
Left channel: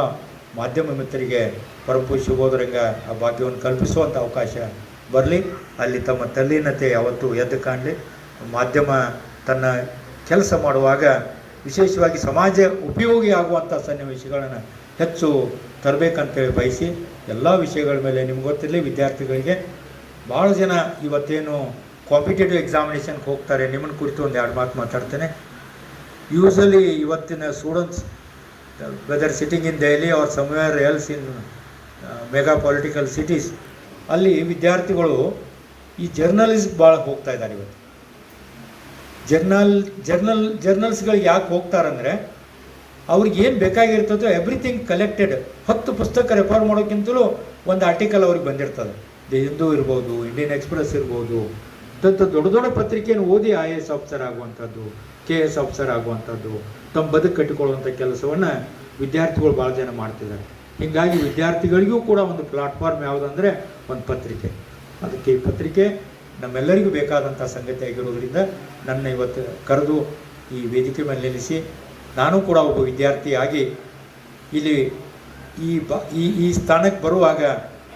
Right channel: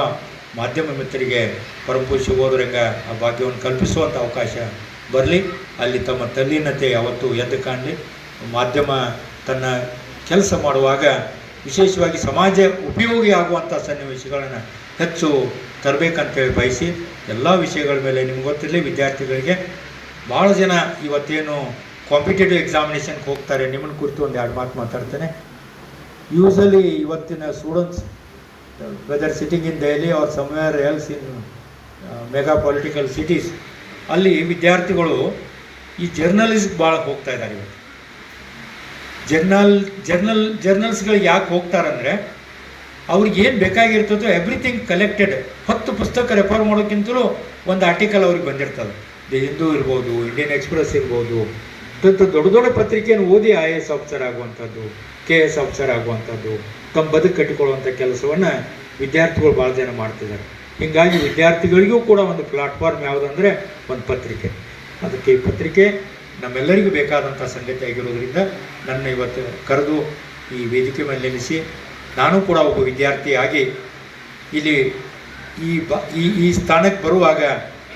ಮಾಧ್ಯಮ ಮಿತ್ರರಿಗೆ ಪರಮಪೂಜ್ಯ ಶಿವೋದರಂಗ ಆ ಭಾಗ್ಯವನ್ನು ಕಲ್ಪಿಸುವಂಥ ಅವಕಾಶ ಬರಲಿ. ಅಲ್ಲಿ ತಮ್ಮ ತಲ್ಲೀನತೆ ಯಾವತ್ತೂ ಎದ್ದು ಕಾಣಲಿ. ಮಾಧ್ಯಮ ತನ್ನ ಕೆಲಸ ಮಾಡುವಾಗ ವಿಶೇಷವಾಗಿ ಸಮಾಜ ಉಪಯೋಗಿ ಆಗುವಂಥ ಸನ್ನಿವೇಶಗಳನ್ನು ಹೆಚ್ಚು ತರಬೇಕಂತೇಳಿ ಬಯಸಿ ಎಲ್ಲ ವಿಷಯಗಳ ಮೇಲೆ ನಿಮ್ಗೆ ಗೊತ್ತಿರಲಿ, ವಿದ್ಯಾರ್ಥಿಗಳಿಗೆ ಭಾಳ ಜನ ಇವತ್ತೇನು ಕಾಂಪಿಟೇಟಿವ್ ಎಕ್ಸಾಮಿನೇಷನ್ಗೆ ಹೋಗ್ತಾರೆ, ನಿಮ್ಮನ್ನು ಕುರಿತು ಒಂದು 2 ಮಾತು ಮಾತಾಡ್ತೇನೆ. ಯೂಸಲಿ ಇವತ್ತಿನ students whether sitting in Delhi or somewhere else in mega political cities, ಅಲ್ಲಿ ವಿದ್ಯಾರ್ಥಿಗಳು ಈ ಜರ್ನಲಿಸ್ಟ್ ಭಾಳ ಹೋಗ್ತಾ ಇದ್ದಾರೆ. ಇವತ್ತು ಜರ್ನಲ್ಸ್ಗಳಿಗೆ ಯಾಕೆ ಹೋಗ್ತಾರಂದರೆ, ಅವ್ರಿಗೆ ಏನು ಬೇಕಾಗಿರ್ತದೋ ಎವ್ರಿಥಿಂಗ್ ಕಲೆಕ್ಟೆಡ್. 10 ಪುಸ್ತಕ ರೆಫರ್ ಮಾಡೋಕ್ಕಿಂತಲೂ ಒಂದು ಆರ್ಟಿಕಲ್ ಅವ್ರಿಗೆ ಬಂದಿರ್ತದೆ. ದಿ ಹಿಂದೂ ಇರ್ಬೋದು, ಇಂಡಿಯನ್ ಎಕ್ಸ್ಪ್ರೆಸ್ ಇರ್ಬೋದು, ದೊಡ್ಡ ಪತ್ರಿಕೆಯನ್ನು ಓದಿ IAS ಆಫೀಸರ್ ಆಗುವಂಥದ್ದು, KS ಆಫೀಸರ್ ಆಗುವಂಥದ್ದು, ತಮ್ಮ ಬದುಕು ಕಟ್ಟಿಕೊಳ್ಳುವಂಥ ಕೆಲಸವನ್ನು ವಿದ್ಯಾರ್ಥಿಗಳು ಭಾಳ ಜನ ಮಾಡ್ತಿದ್ದಾರೆ. ಹೀಗಾಗಿ ವಿದ್ಯಾರ್ಥಿಗಳಿಗೂ ಕೂಡ ಒಂದು ಪ್ಲಾಟ್ಫಾರ್ಮ್ ಯಾವುದಂದರೆ ಒಂದು ಪತ್ರಿಕೆ. ಅದಕ್ಕೆ ಈ ಪತ್ರಿಕೆ ನಮ್ಮೆಲ್ಲರಿಗೂ ಬೇಕಾದಂಥ ಸಂಗತಿ ಆಗಿರೋದ್ರಿಂದ ನನ್ನ ಇವತ್ತು ಕರೆದು ಈ ವೇದಿಕೆ ಮೇಲೆ ನಿಲ್ಲಿಸಿ, ನಾನು ಕೂಡ ಒಬ್ಬ ವಿದ್ಯಾರ್ಥಿಯಾಗಿ ಇಲ್ಲಿ ಈ ಸ್ಥಾನಕ್ಕೆ ಬರುವಾಗ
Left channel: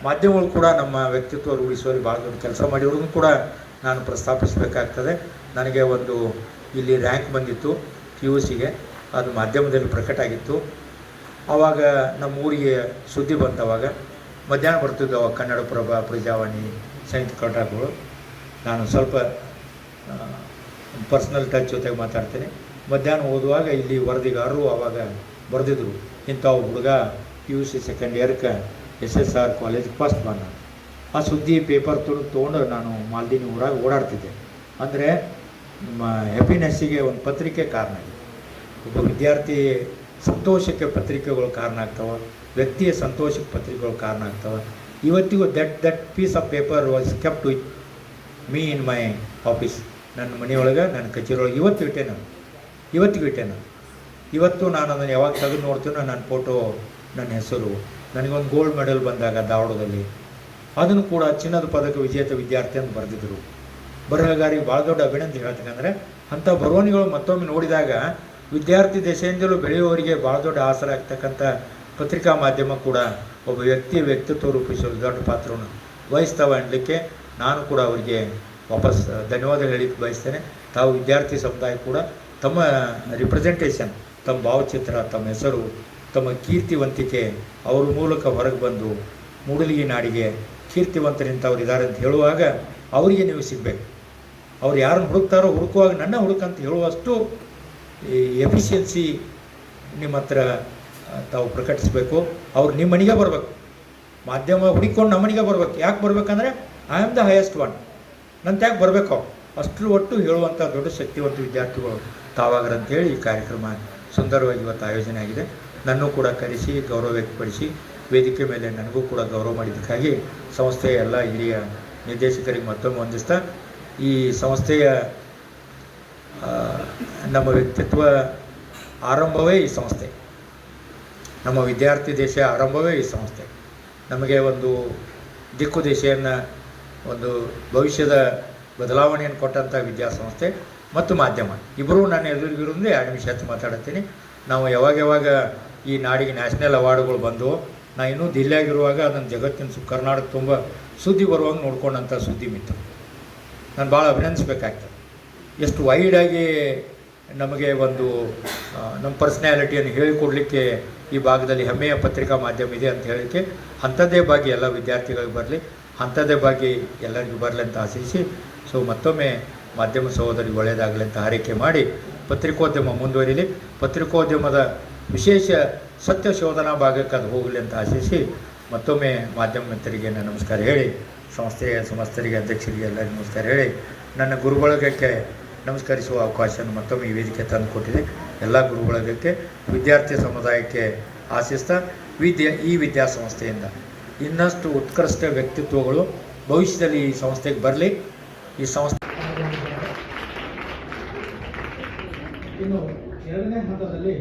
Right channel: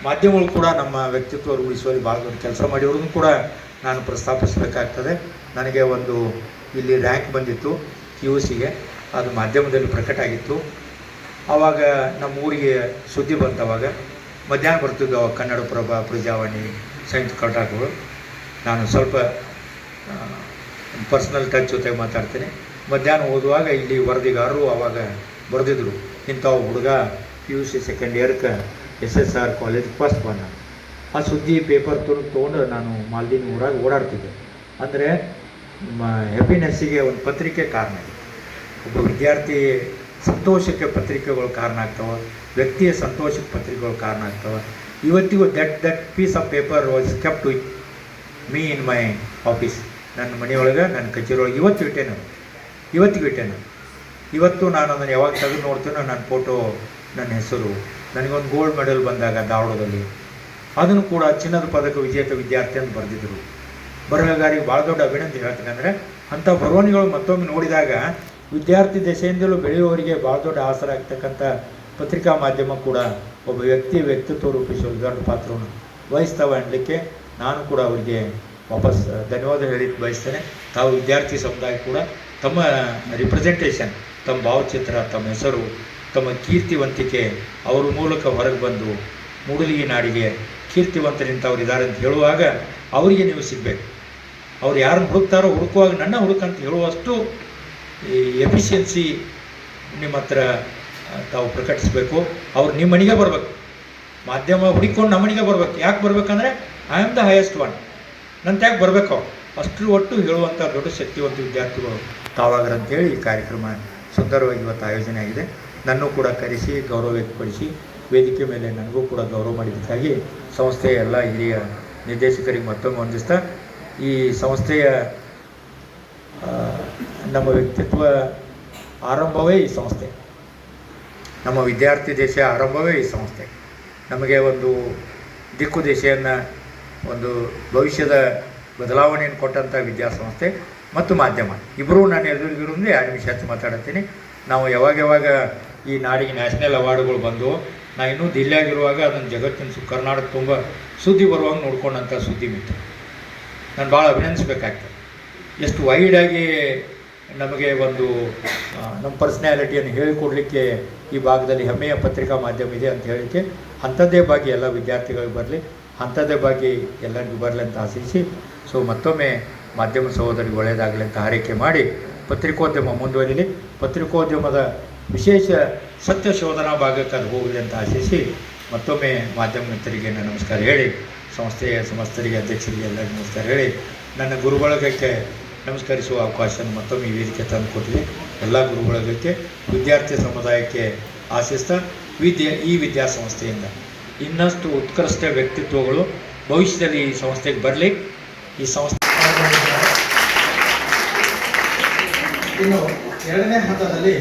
ಮಾಧ್ಯಮಗಳು ಕೂಡ ನಮ್ಮ ವ್ಯಕ್ತಿತ್ವ ರೂಢಿಸುವಲ್ಲಿ ಭಾಳ ದೊಡ್ಡ ಕೆಲಸ ಮಾಡಿರೋದನ್ನು ಕೂಡ ನಾನು ಪ್ರಸ್ತಾಪಿಸಬೇಕಾಗ್ತದೆ. ನನಗೆ ಒಂದು ಇಲ್ಲಿ ರ್ಯಾಂಕ್ ಬಂದಿತ್ತು QCಗೆ, ಅದು ಮಾಧ್ಯಮದಲ್ಲಿ ಪ್ರಕಟ ಆಗಿತ್ತು. ಆವಾಗ ನಮ್ಮ ಊರಿಗೆ ಸುದ್ದಿ ಬಂತವಾಗ ಮಧ್ಯಾಹ್ನ ಬರ್ತಿದ್ವು ಅವಾಗ ಕನ್ನಡಪ್ರಭ, ಪ್ರಜಾವಾಣಿ, ಸಂಯುಕ್ತ ಕರ್ನಾಟಕಗಳು. ನಾನು ಸ್ವಲ್ಪ ಪರ್ಸ್ನಲ್ ಟಚ್ ಜೊತೆ ಮಾತಾಡ್ತೀನಿ. ಮಧ್ಯಾಹ್ನ ಓದುವಾಗ ಇಲ್ಲಿ ವರದಿಗಾರರು ಆವಾಗ ಬರೆದಿದ್ರು, ಇಂಥ ಹುಡುಗ PUC ಸೆಕೆಂಡ್ ಇಯರ್ಗೆ SSR ಕಾಲೇಜ್ ಫಸ್ಟ್ ಬಂದ. ಆ ಸುದ್ದಿ ಪೇಪರ್ ತೊಗೊಂಡು ನಾನು ಮಾಲ್ದಿನ ಊರಾಗ ಓಡಾಡ್ತಿದ್ದೆ. ಅಂದರೆ ನಮ್ಮ ಹ್ಯಾಪಿನೆಸ್ಸಿಗೆ ಒಂದು ಪತ್ರಿಕೆ ಕಾರಣ. ಒಬ್ಬ ವಿದ್ಯಾರ್ಥಿ ಸಂತೋಷಕ್ಕೆ ಪತ್ರಿಕೆಗಳು ಕಾರಣ ಆಗ್ತವೆ, ವ್ಯಕ್ತಿಯ ಸಂತೋಷಕ್ಕೆ ಪತ್ರಿಕೆಗಳು ಕಾರಣ ಆಗ್ತವೆ. ಇವತ್ತಿಗೂ that piece of paper was kept with me in my office. ನನ್ನ ಮನೆಯೊಳಗೆ, ನನ್ನ ಕಚೇರಿಯೊಳಗೆ ಇವತ್ತಿಗೂ ಇಟ್ಟೇನೆ. ಇವತ್ತು ನಾನು ಅದನ್ನು ಯಾವಾಗ ತೆಗೆದು ನೋಡ್ತೀನೋ ನನ್ನ ಫೋಟೋ, ನನ್ನ ಹೆಸರು, ನನಗೊಂದು ಗೋಲ್ಡ್ ಮೆಡಲ್ ಬಂದಾಗ ಧಾರವಾಡದಲ್ಲಿ ಅದನ್ನು ಕೂಡ ಚಿನ್ನದ ಪದಕ ವಿಜೇತ ವಿದ್ಯಾರ್ಥಿ ಅಂತ ಬರೆದಿದ್ದರು. ಬರಹಗಾರಿಗೆ ಭಾಳ ದೊಡ್ಡ ಅಭಿನಂದನೆ ಹೇಳ್ತಕ್ಕಂದರೆ ಅಂಥ ಬರವಣಿಗೆಗಳು ಮತ್ತೊಮ್ಮೆ ನೋಡಿದಾಗ ವಿದ್ಯಾರ್ಥಿ ದೆಸೆಯಿಂದಲೂ ಬೆಳೆಯುವವರಿಗೆ ಭಾಳ ದೊಡ್ಡ ಆಸರ ಆಗ್ತಕ್ಕಂಥ ಪತ್ರಿಕಾ ಮಾಧ್ಯಮ ಕೂಡ ಒಬ್ಬ ವ್ಯಕ್ತಿತ್ವ ರೂಪಿಸುವ ದೊಡ್ಡ ಪಾತ್ರವನ್ನು ವಹಿಸ್ತಾವೆ ಅನ್ನಲಿಕ್ಕೆ ನಾನು ಕೂಡ ಅವರಿಗೆ ವಾಪಸ್ ಧನ್ಯವಾದ ಹೇಳಿಕ್ಕೆ ಬಯಸ್ತೇನೆ. ತಾವು ವಿದ್ಯಾರ್ಥಿ ಸಮುದಾಯ ಕೂಡ ತಮ್ಮ ರಿಪ್ರೆಸೆಂಟೇಷನ್, ತಮ್ಮ ಭಾವಚಿತ್ರ, ತಮ್ಮ ಹೆಸರು, ತಮ್ಮ ಕೀರ್ತಿವಂತಿಕೆ ಅವರ ಮೂಲಕ ಹೊರಗೆ ಬಂದು ಮೂಡಲಿಗೆ ನಾಡಿಗೆ ಕೀರ್ತಿವಂತರಿಂಥವ್ರು ಇದ್ದಾರೆ ಅಂತ ಹೇಳುವಾಗ ಅವರಿಗೆ ನೀವು ಸಿಗಬೇಕು. ಅವ್ರು ಯಾರನ್ನು ಹುಡುಕ್ತಾರೋ ಹುಡುಕುವಾಗ ನನ್ನ ಹುಡುಕಂತ ಹೇಳುವಷ್ಟು ಈ ಎಫಿಷಿಯನ್ಸಿ ನಿಮ್ಮ ಹತ್ರ ತಾವು ಪ್ರಕಟಿಸಬೇಕು. ಅವ್ರು ನಿಮ್ಮ ಮನೆಗೆ ಬರಬೇಕು, ಮಾಧ್ಯಮ ಹುಡುಕೊಂಡು ನಮ್ಮ ಮನೆಗೆ ಬರ್ಬೇಕು. ಯಾಕೆ ಬರ್ಬೇಕಂದ್ರೆ I am the highest one, ನನ್ನ ಯಾಕೆ ಬರಬೇಕು ಅಷ್ಟು ಒಟ್ಟು ಹೇಳುವಂಥ ದೊಡ್ಡ ಶಕ್ತಿವಂತ ವಿದ್ಯಾರ್ಥಿಗಳು ತಾವಾಗ್ರ ಅಂತೇಳಿ ಈ ಕಾರ್ಯಕ್ರಮ ಸುಂದರವಾಗಿ ಇವತ್ತು ಆಯೋಜನೆ ಆಗಿದೆ. ನನ್ನೂ ಕೂಡ ಕರೆಸಿ ಗೌರವ ವ್ಯಕ್ತಪಡಿಸಿ ವೇದಿಕೆ ಮೇಲೆ ನನಗೂ ಕೂಡ ಗೌರವ ಮಾಡಿದ್ದಕ್ಕಾಗಿ ಸಂಸ್ಥೆಯ ಎಲ್ಲ ಹಿರಿಯ ನಿರ್ದೇಶಕರಿಗೆ ಮತ್ತೊಮ್ಮೆ ವಂದಿಸ್ತಾ, ಈ ಸಂಸ್ಥೆಯ ನಮ್ಮ ವ್ಯಕ್ತಿತ್ವ ಆರಂಭವೇ ಈ ಸಂಸ್ಥೆ, ನಮ್ಮ ವಿದ್ಯಾರ್ಥಿ ದೇಶ ಆರಂಭವೇ ಈ ಸಂಸ್ಥೆ. ನಮಗೆ ಒಂದು ದಿಕ್ಕು ದೇಶೆಯನ್ನು, ಒಂದು ಭವಿಷ್ಯದ ಬದಲಾವಣೆಯನ್ನು ಕೊಟ್ಟಂಥ ವಿದ್ಯಾಸಂಸ್ಥೆ ಮತ್ತು ಮಾಧ್ಯಮ ಇಬ್ಬರೂ ನಾನು ಎದುರಿಗಿರೋದೇ 2 ನಿಮಿಷ ಹೆಚ್ಚು ಮಾತಾಡ್ತೀನಿ. ನಾವು ಯಾವಾಗ ಈ ನಾಡಿಗೆ ನ್ಯಾಷನಲ್ ಅವಾರ್ಡ್ಗಳು ಬಂದು ನಾ ಇನ್ನೂ ದಿಲ್ಲಿಯಾಗಿರುವಾಗ ಅದನ್ನು ಜಗತ್ತಿನ ಕರ್ನಾಟಕ ತುಂಬ ಸುದ್ದಿ ಬರುವಂಗೆ ನೋಡ್ಕೊಂಡಂಥ ಸುದ್ದಿ ಮಿತ್ರ ನಾನು ಭಾಳ ಅಭಿನಂದಿಸ್ಬೇಕಾಗ್ತದೆ. ಎಷ್ಟು ವೈಡಾಗಿ ನಮಗೆ ಒಂದು ನಮ್ಮ ಪರ್ಸ್ನ್ಯಾಲಿಟಿಯನ್ನು ಹೇಳಿಕೊಡ್ಲಿಕ್ಕೆ ಈ ಭಾಗದಲ್ಲಿ ಹೆಮ್ಮೆಯ ಪತ್ರಿಕಾ ಮಾಧ್ಯಮ ಇದೆ ಅಂತ ಹೇಳಲಿಕ್ಕೆ ಅಂಥದ್ದೇ ಭಾಗಿ ಎಲ್ಲ ವಿದ್ಯಾರ್ಥಿಗಳಿಗೆ ಬರಲಿ, ಅಂಥದ್ದೇ ಭಾಗಿ ಎಲ್ಲರಿಗೂ ಬರಲಿ ಅಂತ ಆಶಿಸಿ, ಸೊ ಮತ್ತೊಮ್ಮೆ ಮಾಧ್ಯಮ ಸಹೋದರಿಗೆ ಒಳ್ಳೆಯದಾಗಲಿ ಅಂತ ಹಾರೈಕೆ ಮಾಡಿ ಪತ್ರಿಕೋದ್ಯಮ ಮುಂದುವರಿಲಿ, ಪತ್ರಿಕೋದ್ಯಮದ ವಿಶೇಷ ಸತ್ಯ ಶೋಧನಾ ಭಾಗಕ್ಕೆ ಅದು ಹೋಗಲಿ ಅಂತ ಆಶಿಸಿ ಮತ್ತೊಮ್ಮೆ ಮಾಧ್ಯಮ ಮಿತ್ರರಿಗೆ ನಾನು ನಮಸ್ಕಾರ ಹೇಳಿ, ಸಂಸ್ಥೆಯ ಸಮಸ್ತರಿಗೆ ಅಧ್ಯಕ್ಷರಿಗೆ ಎಲ್ಲರಿಗೂ ನಮಸ್ಕಾರ ಹೇಳಿ, ನನ್ನ ಗುರುಬಳಗಕ್ಕೆ ನಮಸ್ಕರಿಸುವ ಅವಕಾಶವನ್ನು ಮತ್ತೊಮ್ಮೆ ಈ ವೇದಿಕೆ ತಂದುಕೊಟ್ಟಿದೆ. ಎಲ್ಲ ಗುರುಬಳಗಕ್ಕೆ, ವಿದ್ಯಾರ್ಥಿ ಸಮುದಾಯಕ್ಕೆ ಆಶಿಸ್ತಾ ಈ ವಿದ್ಯಾಸಂಸ್ಥೆಯಿಂದ ಇನ್ನಷ್ಟು ಉತ್ಕೃಷ್ಟ ವ್ಯಕ್ತಿತ್ವಗಳು ಭವಿಷ್ಯದಲ್ಲಿ ಈ ಸಂಸ್ಥೆಗೆ ಬರಲಿ. ಈ ಸಂಸ್ಥೆ ಇನ್ನು 2ನೇ ಹಂತದಲ್ಲಿ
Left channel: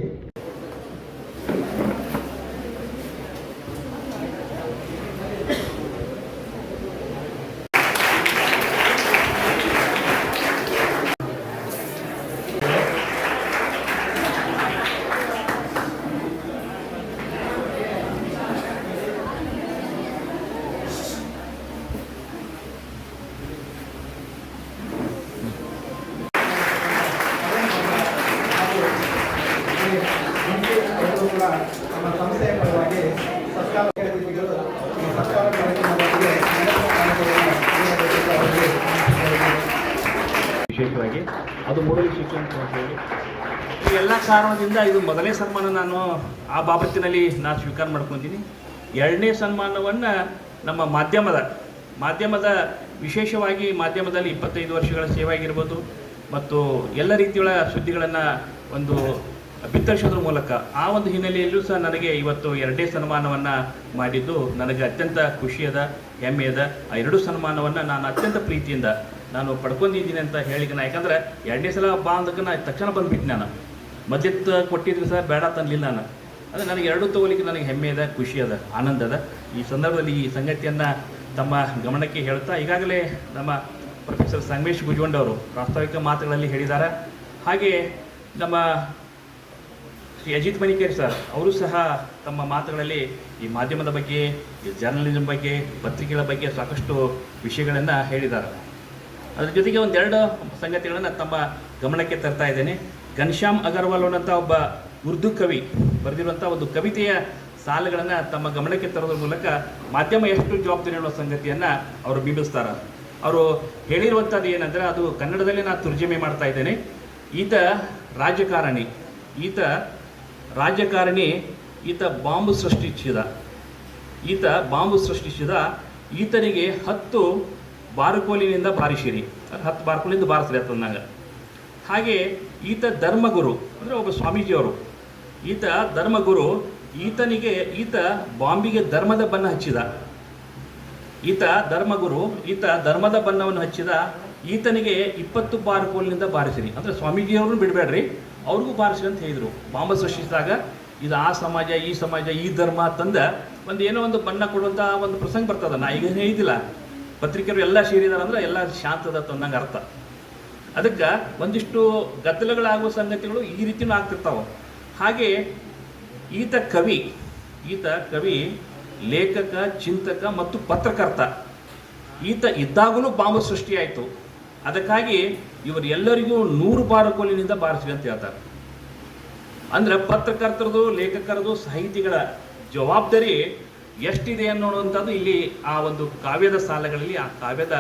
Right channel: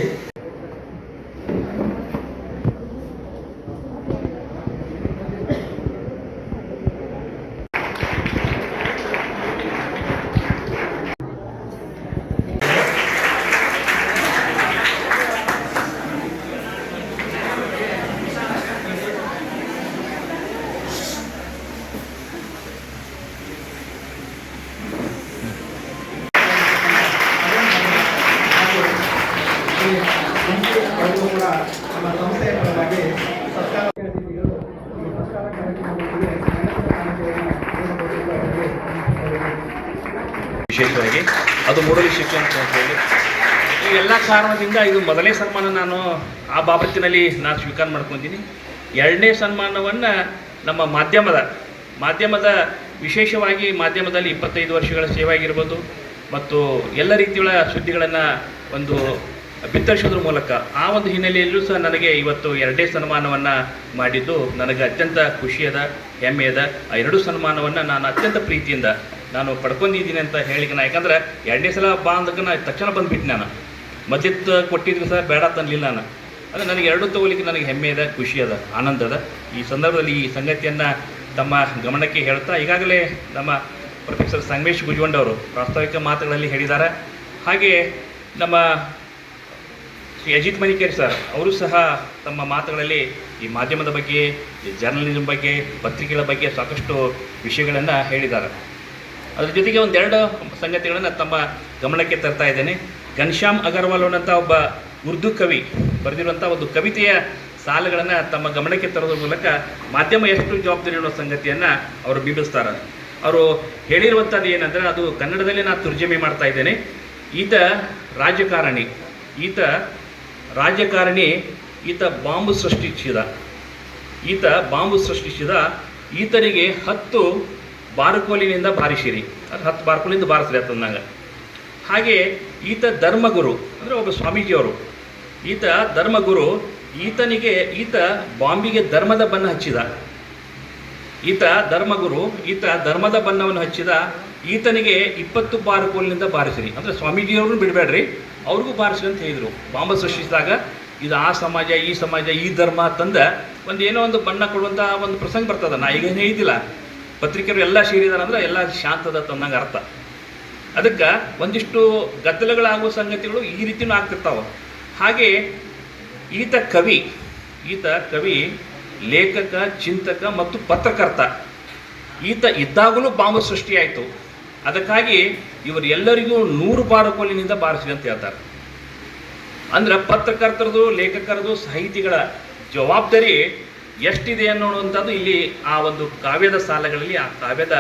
ನಮ್ಮ ಸಂಸ್ಥೆಯ ಪರವಾಗಿ ವಿಶೇಷವಾಗಿ ಅದು ಮೂಡಲಿ ಶಿಕ್ಷಣ ಸಂಸ್ಥೆಯಲ್ಲಿ ಈ ಎಲ್ಲ ಕಾರಣದಿಂದ ಇದು ಮೊದಲನೇ ಸನ್ಮಾನ ನಾನು ಆ ಬಾಬತ್ತಿನಲ್ಲಿ ನಾನು ಸ್ವೀಕಾರ ಮಾಡ್ಕೊತೀನಿ. 2ನೇ ಸನ್ಮಾನವನ್ನು ನಮ್ಮ ಮಾಧ್ಯಮದ ವಿಶೇಷವಾಗಿ ಮಾಧ್ಯಮದಲ್ಲಿ 25 ವರ್ಷಗಳ ಸೇವೆ ಆಗಿರ್ಬೋದು ಮತ್ತು ಎಲ್ಲ ರೀತಿಯ ಸುದ್ದಿಗಳನ್ನು ಒಂದು ಬಿತ್ತರಿಸೋದ್ರ ಮೂಲಕ ಆ ಒಂದು ಹಿನ್ನೆಲೆಯಲ್ಲೂ ಸಹ ನನಗೆ ಇವತ್ತು 2ನೇ ಸನ್ಮಾನವನ್ನು ಮಾಡಿದ್ದು ನನಗೆ ಅತ್ಯಂತ ಖುಷಿಯದ, ಹೆಮ್ಮೆಯದ. ಆ 2 ಸನ್ಮಾನವನ್ನು ನಾನು ಅತ್ಯಂತ ಪ್ರೀತಿಯಿಂದ ನಾನು ಪಡ್ಕೊಂಡಿದ್ದೀನಿ ಅಂತ ಹೇಳಿಕೆ. ಯಾಕಂದ್ರೆ 2ನೇ ಸಲ ಬಾ ಅಂದಕ್ಕೆ ತಕ್ಷಣ ಬಂದುಬಿಟ್ಟು ನಾನು ಮಧ್ಯದ ಕೊಟ್ಟಿದ್ರು ಸಹ ಬೇಡ ತನ್ನಲಿಲ್ಲ ನಾನು. ಅದು ನನಗೆ 2 ತಗೋಲಿಕ್ಕೆ ನನಗೆ ಹೆಮ್ಮೆಯದ, ಖುಷಿಯದ, ಆನಂದದ. ಈ ಸಂದರ್ಭದಲ್ಲಿ ಈ ಸಂಗತಿಯನ್ನು ತಮ್ಮ ಗಮನಕ್ಕೆ ಹೇಳ್ತಾ, ಈಗಾಗಲೇ ನಮ್ಮ ಪ್ರೊಫೆಸರ್ ಸಂಗಮೇಶ್ ಗುಜ್ವಂಡ್ ಅವರು ಪ್ರಾಸ್ತಾವಿಕ ಮಾತುಗಳಲ್ಲಿ ಹೇಳಿದ್ದಾರೆ. ಹಾಗೆಯೇ ನಮ್ಮ ಶ್ರೀ ಅಜಿತ್ ಮನಿಕೇರಿ ಸರ್ ಅವರು ಸಹ ತಮ್ಮ ಮಾತುಗಳಲ್ಲಿ ಈ ಮಾಧ್ಯಮದ ಬಗ್ಗೆ, ಈ ಜರ್ನಲಿಸಮ್ ಬಗ್ಗೆ, ಪತ್ರಿಕೆಗಳ ಬಗ್ಗೆ ಸಾಕಷ್ಟು ವಿಷಯಗಳನ್ನು ಹೇಳಿದ್ದಾರೆ. ಅದರ ಜೊತೆಗೆ 1-2 ಸಂಗತಿಗಳನ್ನು ತಮ್ಮ ಗಮನಕ್ಕೆ ತರ್ತಾ ಇದ್ದೇನೆ. ಘನಶ್ಯಾಮ್ ಅಗರ್ವಾಲ್ ಅನ್ನೋಂಥ ಒಬ್ಬ ಉರ್ದು ಕವಿ ಬರೆದಿರುವಂಥ ಒಂದು ಕವಿತೆಯ ಸಾಲುಗಳನ್ನು ತಮ್ಮ ಗಮನಕ್ಕೆ ತರೋದ್ರ ಮೂಲಕ ಮಾಧ್ಯಮ ಎಷ್ಟು ಜವಾಬ್ದಾರಿ ಅನ್ನೋ ಸಂಗತಿಯನ್ನು ಅವರು ಬಿಂಬಿಸ್ತಾರೆ. ಅವರು ಹೇಳಿರುವಂಥದ್ದು ಏನಂದರೆ, ಅದು ಕನ್ನಡದಲ್ಲಿ ನಾನು ತರ್ಜಮೆ ಮಾಡ್ತಾ ಇದ್ದೇನೆ. ಈತ ರಾಜಕಾರಣಿ, ಈತ ಬಾಂಬು ಸೃಷ್ಟಿಸಿದ, ಈತನಿಗೆ 10 ಬಾರುಕೋಲಿನಿಂದ ಬಾರಿಸಿರಿ, 10 ಬಾರುಕೋಲಿಂದ ಬಾರಿಸ್ರಿ ಅಂತಂದಾಗ. ಹಾಗೆ ಈತ ಧರ್ಮಗುರು ಅಂದರೆ ಒಬ್ಬ ಸ್ವಾಮೀಜಿಯವರು, ಈತ ಧರ್ಮಗುರು, ಈತ ಬಾಂಬಿಗೆ ಧರ್ಮದ ಬಣ್ಣ ಹಚ್ಚಿದ. ಈತ ಧರ್ಮದ ಬಣ್ಣವನ್ನು ಹಚ್ಚಿದ, ಈತನಿಗೆ 20 ಬಾರುಕೋಲಿನಿಂದ ಬಾರಿಸಿರಿ ಅಂದರೆ ಸ್ವಾಮೀಜಿಯವ್ರನ್ನೂ ಬಿಡಬೇಡ್ರಿ, ಅವ್ರಿಗೂ ಬಾರಿಸ್ರಿ ಅಂತ ಹೇಳಿದರು. ಬಾಂಬು ಸೃಷ್ಟಿಸಿದಾಗ ಇದು ಆ ಸಮಾಜ, ಈ ಸಮಾಜ, ಈ ಧರ್ಮ ತಂದ ಏನೋ ಒಂದು ಬಣ್ಣ ಕೊಡುವಂಥ ಒಂದು ಪ್ರಸಂಗ ಬರ್ತದೆ. ನಾ ಈಗೇನೇ ಇದ್ದಿಲ್ಲ, ಪತ್ರಿಕೆಯರು ಎಲ್ಲ ಸೇರಿದಾರೆ ಅಂದರೆ ಎಲ್ಲ ಶಾಂತದ ತಂದಂಗೆ ಅರ್ಥ. ಅದಕ್ಕೆ ಒಂದಿಷ್ಟು ಗದ್ದಲಗಳಾಗುವ ಸಂಗತಿಗಳು ಈ ರೀತಿಯೂ ಆಗ್ತಿರ್ತಾವೆ. ಹಾಗೆ ಈತ ಕವಿ, ಲೇಖಕ, ಚಿಂತಕ ಮತ್ತು ಪತ್ರಕರ್ತ. ಈತ ಇದ್ದಾಗಲೂ ಬಾಂಬು ಸೃಷ್ಟಿಯಾಯಿತು. ಅದಕ್ಕಾಗಿ ಇವರೆಲ್ಲರಿಗೂ 100 ಬಾರುಕೋಲಿನಿಂದ ಬಾರಿಸಿ ಅಂತ ಹೇಳ್ತಾರೆ. ಅಂದ್ರೆ ಪತ್ರಕರ್ತರದು, ಲೇಖಕರದು, ಸಾಹಿತಿಗಳ ಜವಾಬ್ದಾರಿ ಎಷ್ಟಿದೆ ಅನ್ನೋವಂಥದ್ದು ಇಲ್ಲಿ ಆ ಒಂದು ಕಾವ್ಯದ ಸಾಲಗಳಲ್ಲಿ, ಆ ಕಾವ್ಯದ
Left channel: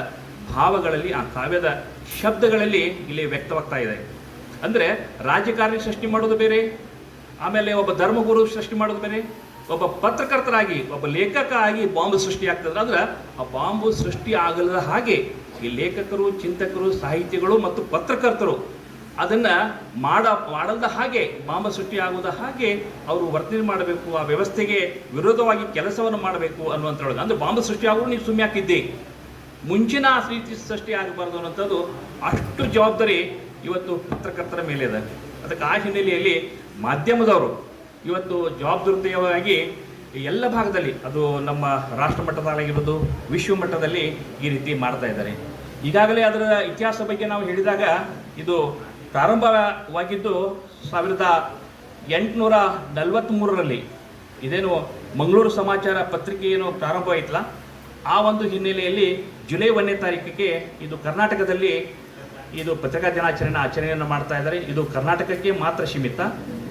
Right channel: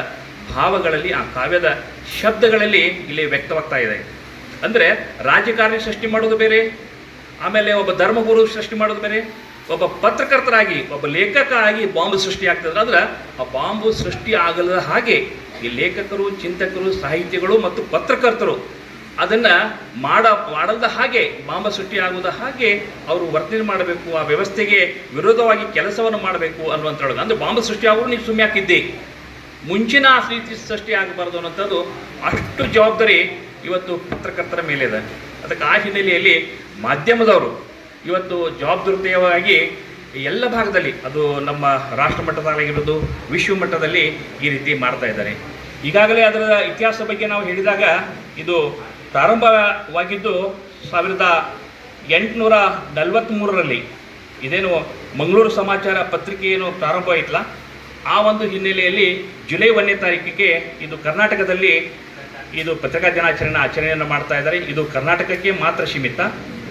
ಭಾವಗಳಲ್ಲಿ, ಆ ಕಾವ್ಯದ ಶಬ್ದಗಳಲ್ಲಿ ಇಲ್ಲಿ ವ್ಯಕ್ತವಾಗ್ತಾ ಇದೆ. ಅಂದರೆ ರಾಜಕಾರಣಿ ಸೃಷ್ಟಿ ಮಾಡೋದು ಬೇರೆ, ಆಮೇಲೆ ಒಬ್ಬ ಧರ್ಮಗುರು ಸೃಷ್ಟಿ ಮಾಡೋದು ಬೇರೆ, ಒಬ್ಬ ಪತ್ರಕರ್ತರಾಗಿ, ಒಬ್ಬ ಲೇಖಕ ಆಗಿ ಬಾಂಬು ಸೃಷ್ಟಿ ಆಗ್ತದೆ. ಅಂದ್ರೆ ಆ ಬಾಂಬು ಸೃಷ್ಟಿ ಆಗದ ಹಾಗೆ ಈ ಲೇಖಕರು, ಚಿಂತಕರು, ಸಾಹಿತಿಗಳು ಮತ್ತು ಪತ್ರಕರ್ತರು ಅದನ್ನು ಮಾಡದ ಹಾಗೆ, ಬಾಂಬು ಸೃಷ್ಟಿ ಆಗೋದ ಹಾಗೆ ಅವರು ವರ್ತನೆ ಮಾಡಬೇಕು, ಆ ವ್ಯವಸ್ಥೆಗೆ ವಿರೋಧವಾಗಿ ಕೆಲಸವನ್ನು ಮಾಡಬೇಕು ಅನ್ನುವಂಥದ್ದು. ಅಂದರೆ ಬಾಂಬು ಸೃಷ್ಟಿ ಆಗೋರು ನೀವು ಸುಮ್ಮನೆ ಹಾಕಿದ್ದೆ, ಮುಂಚಿನ ಆ ರೀತಿ ಸೃಷ್ಟಿ ಆಗಬಾರ್ದು ಅನ್ನೋಂಥದ್ದು ಅಷ್ಟು ಜವಾಬ್ದಾರಿ ಇವತ್ತು ಪತ್ರಕರ್ತರ ಮೇಲೆ ಇದೆ. ಅದಕ್ಕೆ ಆ ಹಿನ್ನೆಲೆಯಲ್ಲಿ ಮಾಧ್ಯಮದವರು ಇವತ್ತು ಜವಾಬ್ದಾರಿಯುತವಾಗಿ ಎಲ್ಲ ಭಾಗದಲ್ಲಿ, ಅದು ನಮ್ಮ ರಾಷ್ಟ್ರ ಮಟ್ಟದಲ್ಲಾಗಿರ್ಬೋದು, ವಿಶ್ವ ಮಟ್ಟದಲ್ಲಿ ಈ ರೀತಿ ಮಾಡ್ತಾ ಇದ್ದಾರೆ. ಈಗಾಗಲೇ ಅದರ ಇತಿಹಾಸ ಬಗ್ಗೆ ನಾವು ಹೇಳಿದಾಗ ಇದು ಪ್ರಾರಂಭವಾಗಿದ್ದು 1843ರಲ್ಲಿ. ಇದೇನು ಮಂಗಳೂರು ಸಮಾಚಾರ ಪತ್ರಿಕೆ ಏನು ಪ್ರಾರಂಭವಾಯಿತಲ್ಲ, ಆ ಒಂದು ಹಿನ್ನೆಲೆಯಲ್ಲಿ ಜುಲೈ 1ನೇ ತಾರೀಕಿಗೆ ಇದು ಕರ್ನಾಟಕದಲ್ಲಿ ಇದು ಪತ್ರಿಕಾ ದಿನಾಚರಣೆ ಆಚರಣೆಯನ್ನು ಮಾಡ್ತಾ ಇದ್ದಾರೆ. ಇದು ಕರ್ನಾಟಕಕ್ಕೆ ಮಾತ್ರ ಸೀಮಿತ.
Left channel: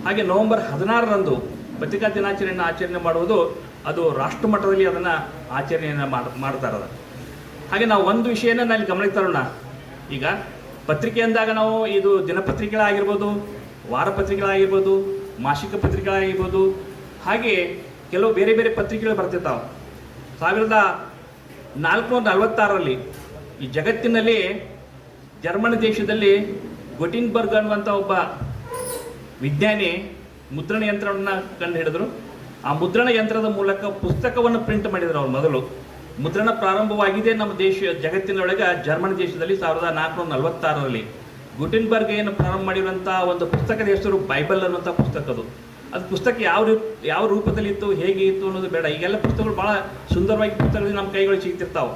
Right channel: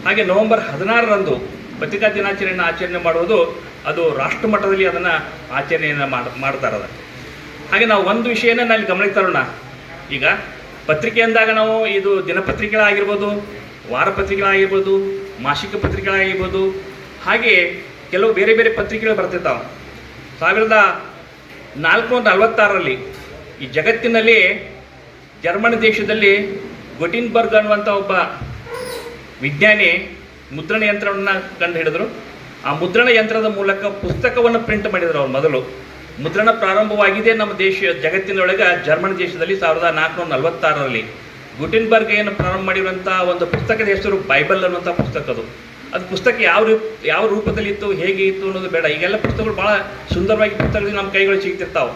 ಹಾಗೆ ನವೆಂಬರ್ 16ರಂದು ಪತ್ರಿಕಾ ದಿನಾಚರಣೆಯನ್ನು ಆಚರಣೆ ಮಾಡುವುದು ಅದು ರಾಷ್ಟ್ರ ಮಟ್ಟದಲ್ಲಿ ಅದನ್ನು ಆಚರಣೆಯನ್ನು ಮಾಡ್ತಾ ಇರೋದು. ಹಾಗೆ ನಾವು ಒಂದು ವಿಷಯನ ನಾವು ಗಮನಕ್ಕೆ ತರೋಣ. ಈಗ ಪತ್ರಿಕೆ ಅಂದಾಗ ನಾವು ಇದು ದಿನಪತ್ರಿಕೆಗಳಾಗಿರ್ಬೋದು, ವಾರಪತ್ರಿಕೆಗಳಾಗಿರ್ಬೋದು, ಮಾಸಿಕ ಪತ್ರಿಕೆಗಳಾಗಿರ್ಬೋದು, ಹಾಗೆ ಕೆಲವು ಬೇರೆ ಬೇರೆ ಪತ್ರಿಕೆಗಳು ಬರ್ತಿರ್ತಾವೆ. 1446ರಲ್ಲಿ ಈ ಜಗತ್ತಿನಲ್ಲಿ ಜರ್ಮನ್ ದೇಶದಲ್ಲಿ ಗೊಟಿನ್ಬರ್ಗ್ ಅನ್ನುವಂಥ ಒಬ್ಬ ವಿಜ್ಞಾನಿ ಮುದ್ರಣ ಯಂತ್ರವನ್ನು ಕಂಡು ಹಿಡಿದ್ರು. ಆ ಮುದ್ರಣ ಯಂತ್ರದ ಮೂಲಕ ಪುಸ್ತಕವನ್ನು ಪ್ರಿಂಟ್ ಮಾಡಿದ್ರು. ಅವ್ರು ಮೊದಲು ಮುದ್ರಣ ಪ್ರಾರಂಭವಾಗಿದೆ ನಮ್ಮ ಜಗತ್ತಿನೊಳಗೆ ಜರ್ಮನ್ ದೇಶದಲ್ಲಿ 1446ರಲ್ಲಿ. ಗುಟೆನ್ಬರ್ಗ್ ಏನು ಪ್ರಾರಂಭ ಮಾಡಿರುವಂಥ ಒಂದು ಪುಸ್ತಕದ ಹೆಸರು ಬೈಬಲ್ ಅನ್ನುವಂಥ ಪುಸ್ತಕ. ಅದು ಪುಸ್ತಕ ಯಾವ ರೂಪದಲ್ಲಿ ಇತ್ತು, ಹೇಗೆ ಇತ್ತು ಅನ್ನೋದು ಬೇಡ. ಈಗೆಲ್ಲ ಪುಸ್ತಕಗಳು ಭಾಳ ಸುಂದರವಾಗಿ ಪುಸ್ತಕಗಳು ನಮ್ಮ ಕೈಗಳು ಸಿಗ್ತಿರ್ತಾವೆ.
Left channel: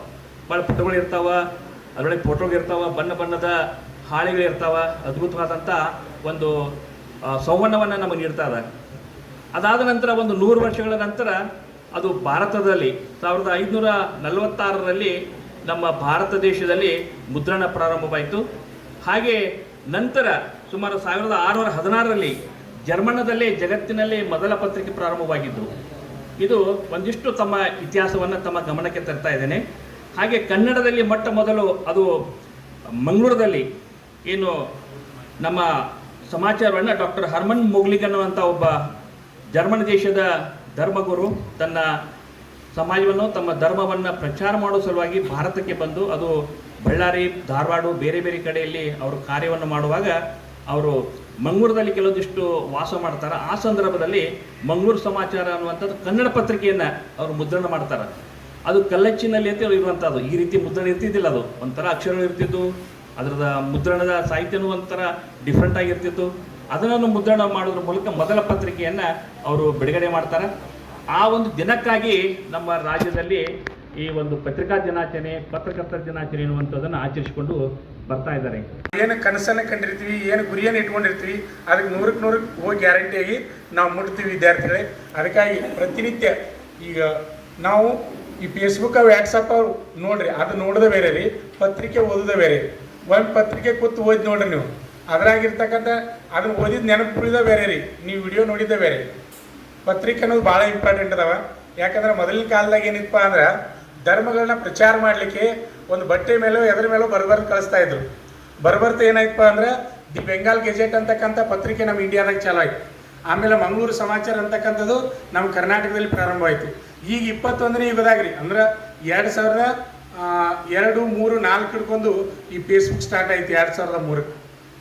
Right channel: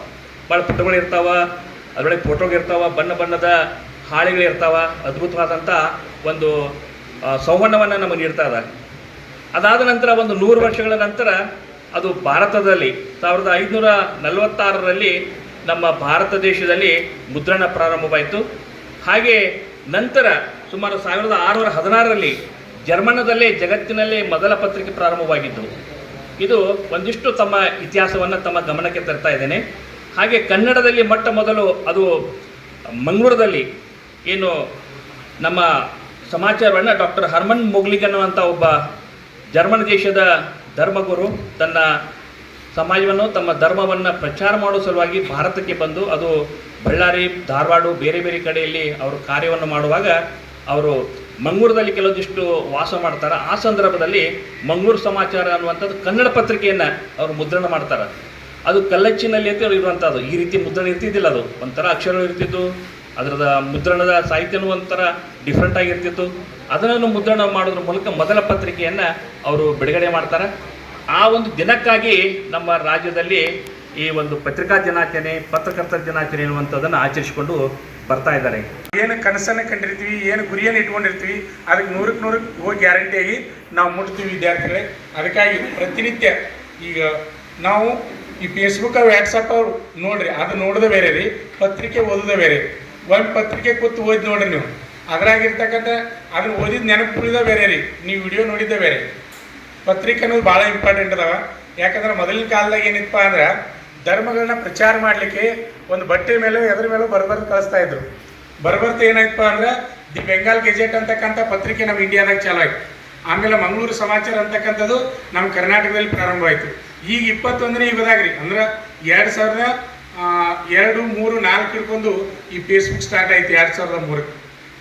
ಭಾಳ ಪುಟಗಳು ಇರ್ತಾವೆ, ಅದರೊಳಗೆ ಫೋಟೋಗಳಿರ್ತಾವೆ, ಬಣ್ಣ ಬಣ್ಣದ ಹಾಳೆಗಳಿರ್ತಾವೆ, ಅದ್ಭುತವಾದಂಥ ಒಂದು ಸಂವಹನವನ್ನು ನಮಗೆ ನೀಡ್ತಾ ಇದೆ. ಅದಾದ ನಂತರ ಒಂದು 100 ವರ್ಷಗಳ ನಂತರ ಅದು ಭಾರತದಲ್ಲಿ 1546ರಲ್ಲಿ ನಮ್ಮ ಭಾರತ ದೇಶದಲ್ಲಿ ಮುದ್ರಣ ಪ್ರಾರಂಭವಾಯಿತು. ಹಾಗೆ ನಂತರ ಸುಮಾರು 1616ರಲ್ಲಿ ಜರ್ಮನದಲ್ಲೇ ಜಗತ್ತಿನಲ್ಲೇ ಮೊದಲ ಪತ್ರಿಕೆ ಪ್ರಾರಂಭವಾಗಿದ್ದು. ಇದು ಒಂದಿಷ್ಟು ತಮ್ಮ ಇತಿಹಾಸವನ್ನು ತಮ್ಮ ಗಮನಕ್ಕೆ ತರ್ತಾ ಇದ್ದೇನೆ. ಹಾಗೆ ಕನ್ನಡದಲ್ಲಿ ಮೊಟ್ಟ ಮೊದಲು ಅದು ಮಂಗಳೂರಲ್ಲಿ ಏನು ನಮ್ಮ ಸಮಾಚಾರವನ್ನು ಡಾಕ್ಟರ್ ಹರ್ಮನ್ ಮೊಗ್ಲಿಗ್ ಅನ್ನುವಂಥ ಒಬ್ಬ ಜರ್ಮನ್ ದೇಶದ ಧರ್ಮಗುರು ತನ್ನ ಸಮಾಜವನ್ನು, ತಮ್ಮ ಧರ್ಮವನ್ನು ಪ್ರಚಾರ ಮಾಡೋ ಸಲುವಾಗಿ ಭಾರತಕ್ಕೆ ಬಂದು, ಅದು ಬಳ್ಳಾರಿ, ಧಾರವಾಡ, ಬೇರೆ ಬೇರೆ ಕಡೆಯಲ್ಲಿ ಅವರು ಕಾರ್ಯವನ್ನು ಮಾಡುವಾಗ ಅವರು ಮಂಗಳೂರಲ್ಲಿ ಕೆಲವೊಂದಿಷ್ಟು ವಾಸ ಮಾಡ್ತಾರೆ. ಆ ಸಂದರ್ಭದಲ್ಲಿ ಮಂಗಳೂರು ಸಮಾಚಾರ ಅನ್ನುವಂಥದ್ದು ಕನ್ನಡ ಪತ್ರಿಕೆಯನ್ನು ಅವರು ಮುದ್ರಣ ಮಾಡ್ತಾರೆ. ಅದು ಕಲ್ಲಚ್ಚಿನಲ್ಲಿ ಅಂತ ಇರುವಂಥದ್ದು. ಈ ರೀತಿ ಮುದ್ರಣ ಇರ್ತಿದ್ದಿಲ್ಲ. ಅದು ಒಂಥರ ಅಕ್ಷರಗಳು ಇರ್ತಿತ್ತು, ಅದರದ ಮುದ್ರಣದ ಸಾಹಿತ್ಯನೂ ಒಂಥರ ಡಿಫ್ರೆಂಟ್ ಆಗಿರ್ತಿತ್ತು. ಅದನ್ನು ಮುದ್ರಣ ಮಾಡೋದ್ರ ಮೂಲಕ ಮೊದಲ ಪತ್ರಿಕೆಯನ್ನು ಅವರು ಬಿಡುಗಡೆ ಮಾಡ್ತಾರೆ. ಆ ಒಂದು ದಿನಕ್ಕಾಗಿ ನಮ್ಮ ರಾಜ್ಯದಲ್ಲಿ ಈ ಒಂದು ಪತ್ರಿಕಾ ದಿನಾಚರಣೆ, ಪತ್ರಕರ್ತರ ದಿನಾಚರಣೆ ಎನ್ನುವಂಥದ್ದನ್ನು ಆಚರಿಸಿಕೊಂಡು ಬರ್ತಾ ಇದ್ದಾರೆ. ಏನು ಕನಸನ್ನು ಕಂಡಿರ್ತೀವಿ, ಏನು ಗುರಿಯನ್ನು ಇಟ್ಕೊಂಡಿರ್ತೀವಿ, ಅದಕ್ಕೆ 100ಕ್ಕೆ 100 ಹೋಗಿ ಗ್ಯಾರಂಟಿಯಾಗಿ ನಾವು ಮುಟ್ತೀವಿ ವಿದ್ಯಾರ್ಥಿಗಳೇ. ಅದಕ್ಕಾಗಿ ಪ್ರತಿನಿತ್ಯ ಈಗ ನಾವು ಈ ಫೇಸ್ಬುಕ್, ವ್ಯಾಟ್ಸಪ್ ಅವ್ರು ನೋಡ್ರಿ, ಅದು ನೋಡೋದೇ ಬೇರೆ ರೀ, ಪತ್ರಿಕೆ ಓದೋದೇ ಬೇರೆ. ಒಂದು ಪತ್ರಿಕೆ ಕೂತು ಓದಿ ನೋಡ್ರಿ ನೀವು, ಅದ್ರಾಗಿರ್ತಕ್ಕಂಥ ಅದನ್ನು ಓದಿದ ನೆನಪು ಉಳಿದ ಬೇರೆ ರೀ, ನೀವು ವಿಡಿಯೋ ನೋಡಿದ್ದೇ ಬೇರೆ. ಪತ್ರಿಕೆ ಅನ್ನೋದು ಭಾಳ ಇಂಪಾರ್ಟೆಂಟ್ ಅದಾವ. ಯಾಕಂದ್ರೆ ಮೊದಲಿನ ಕಾಲದಾಗ ಏನಿತ್ತಪ್ಪ ಅಂದ್ರೆ ಧರ್ಮಗಳನ್ನ ಪ್ರಚಾರ ಮಾಡಲಿಕ್ಕೆ ಒಂದು ಬಟ್ಟೆ ಮೇಲೋ ಎದ್ರ ಮೇಲೋ ಬರ್ಬರ್ದು ಕಳಿಸ್ತಾ ಇದ್ರು. ಬರ್ಬರ್ತ ಏನಾಯ್ತಪ್ಪ ಅಂದ್ರೆ ದಿ ಬೆಂಗಾಲ್ ಗೆಜೆಟ್ ಅಂತಕ್ಕಂಥ ಪತ್ರಿಕೆ ನಮ್ಮ ಇಂಡಿಯಾದಾಗ ಚಾಲು ಆಯ್ತು. ಆಮೇಲೆ ಮಂಗಳೂರು ಸಮಾಚಾರ ಅಂತಕ್ಕಂಥದ್ದು ನಮ್ಮ ಕರ್ನಾಟಕದಲ್ಲಿ ಪ್ರಾರಂಭವಾಯಿತು. ಈಗ 21ನೇ ಯುಗದಾಗ ರೀ, ಅಂದ್ರೆ 2002, 3, 4 ಹಿಡ್ಕೊಂಡು ಈ ಫೇಸ್ಬುಕ್ ಸ್ಟಾರ್ಟ್ ಆಯ್ತು 2003.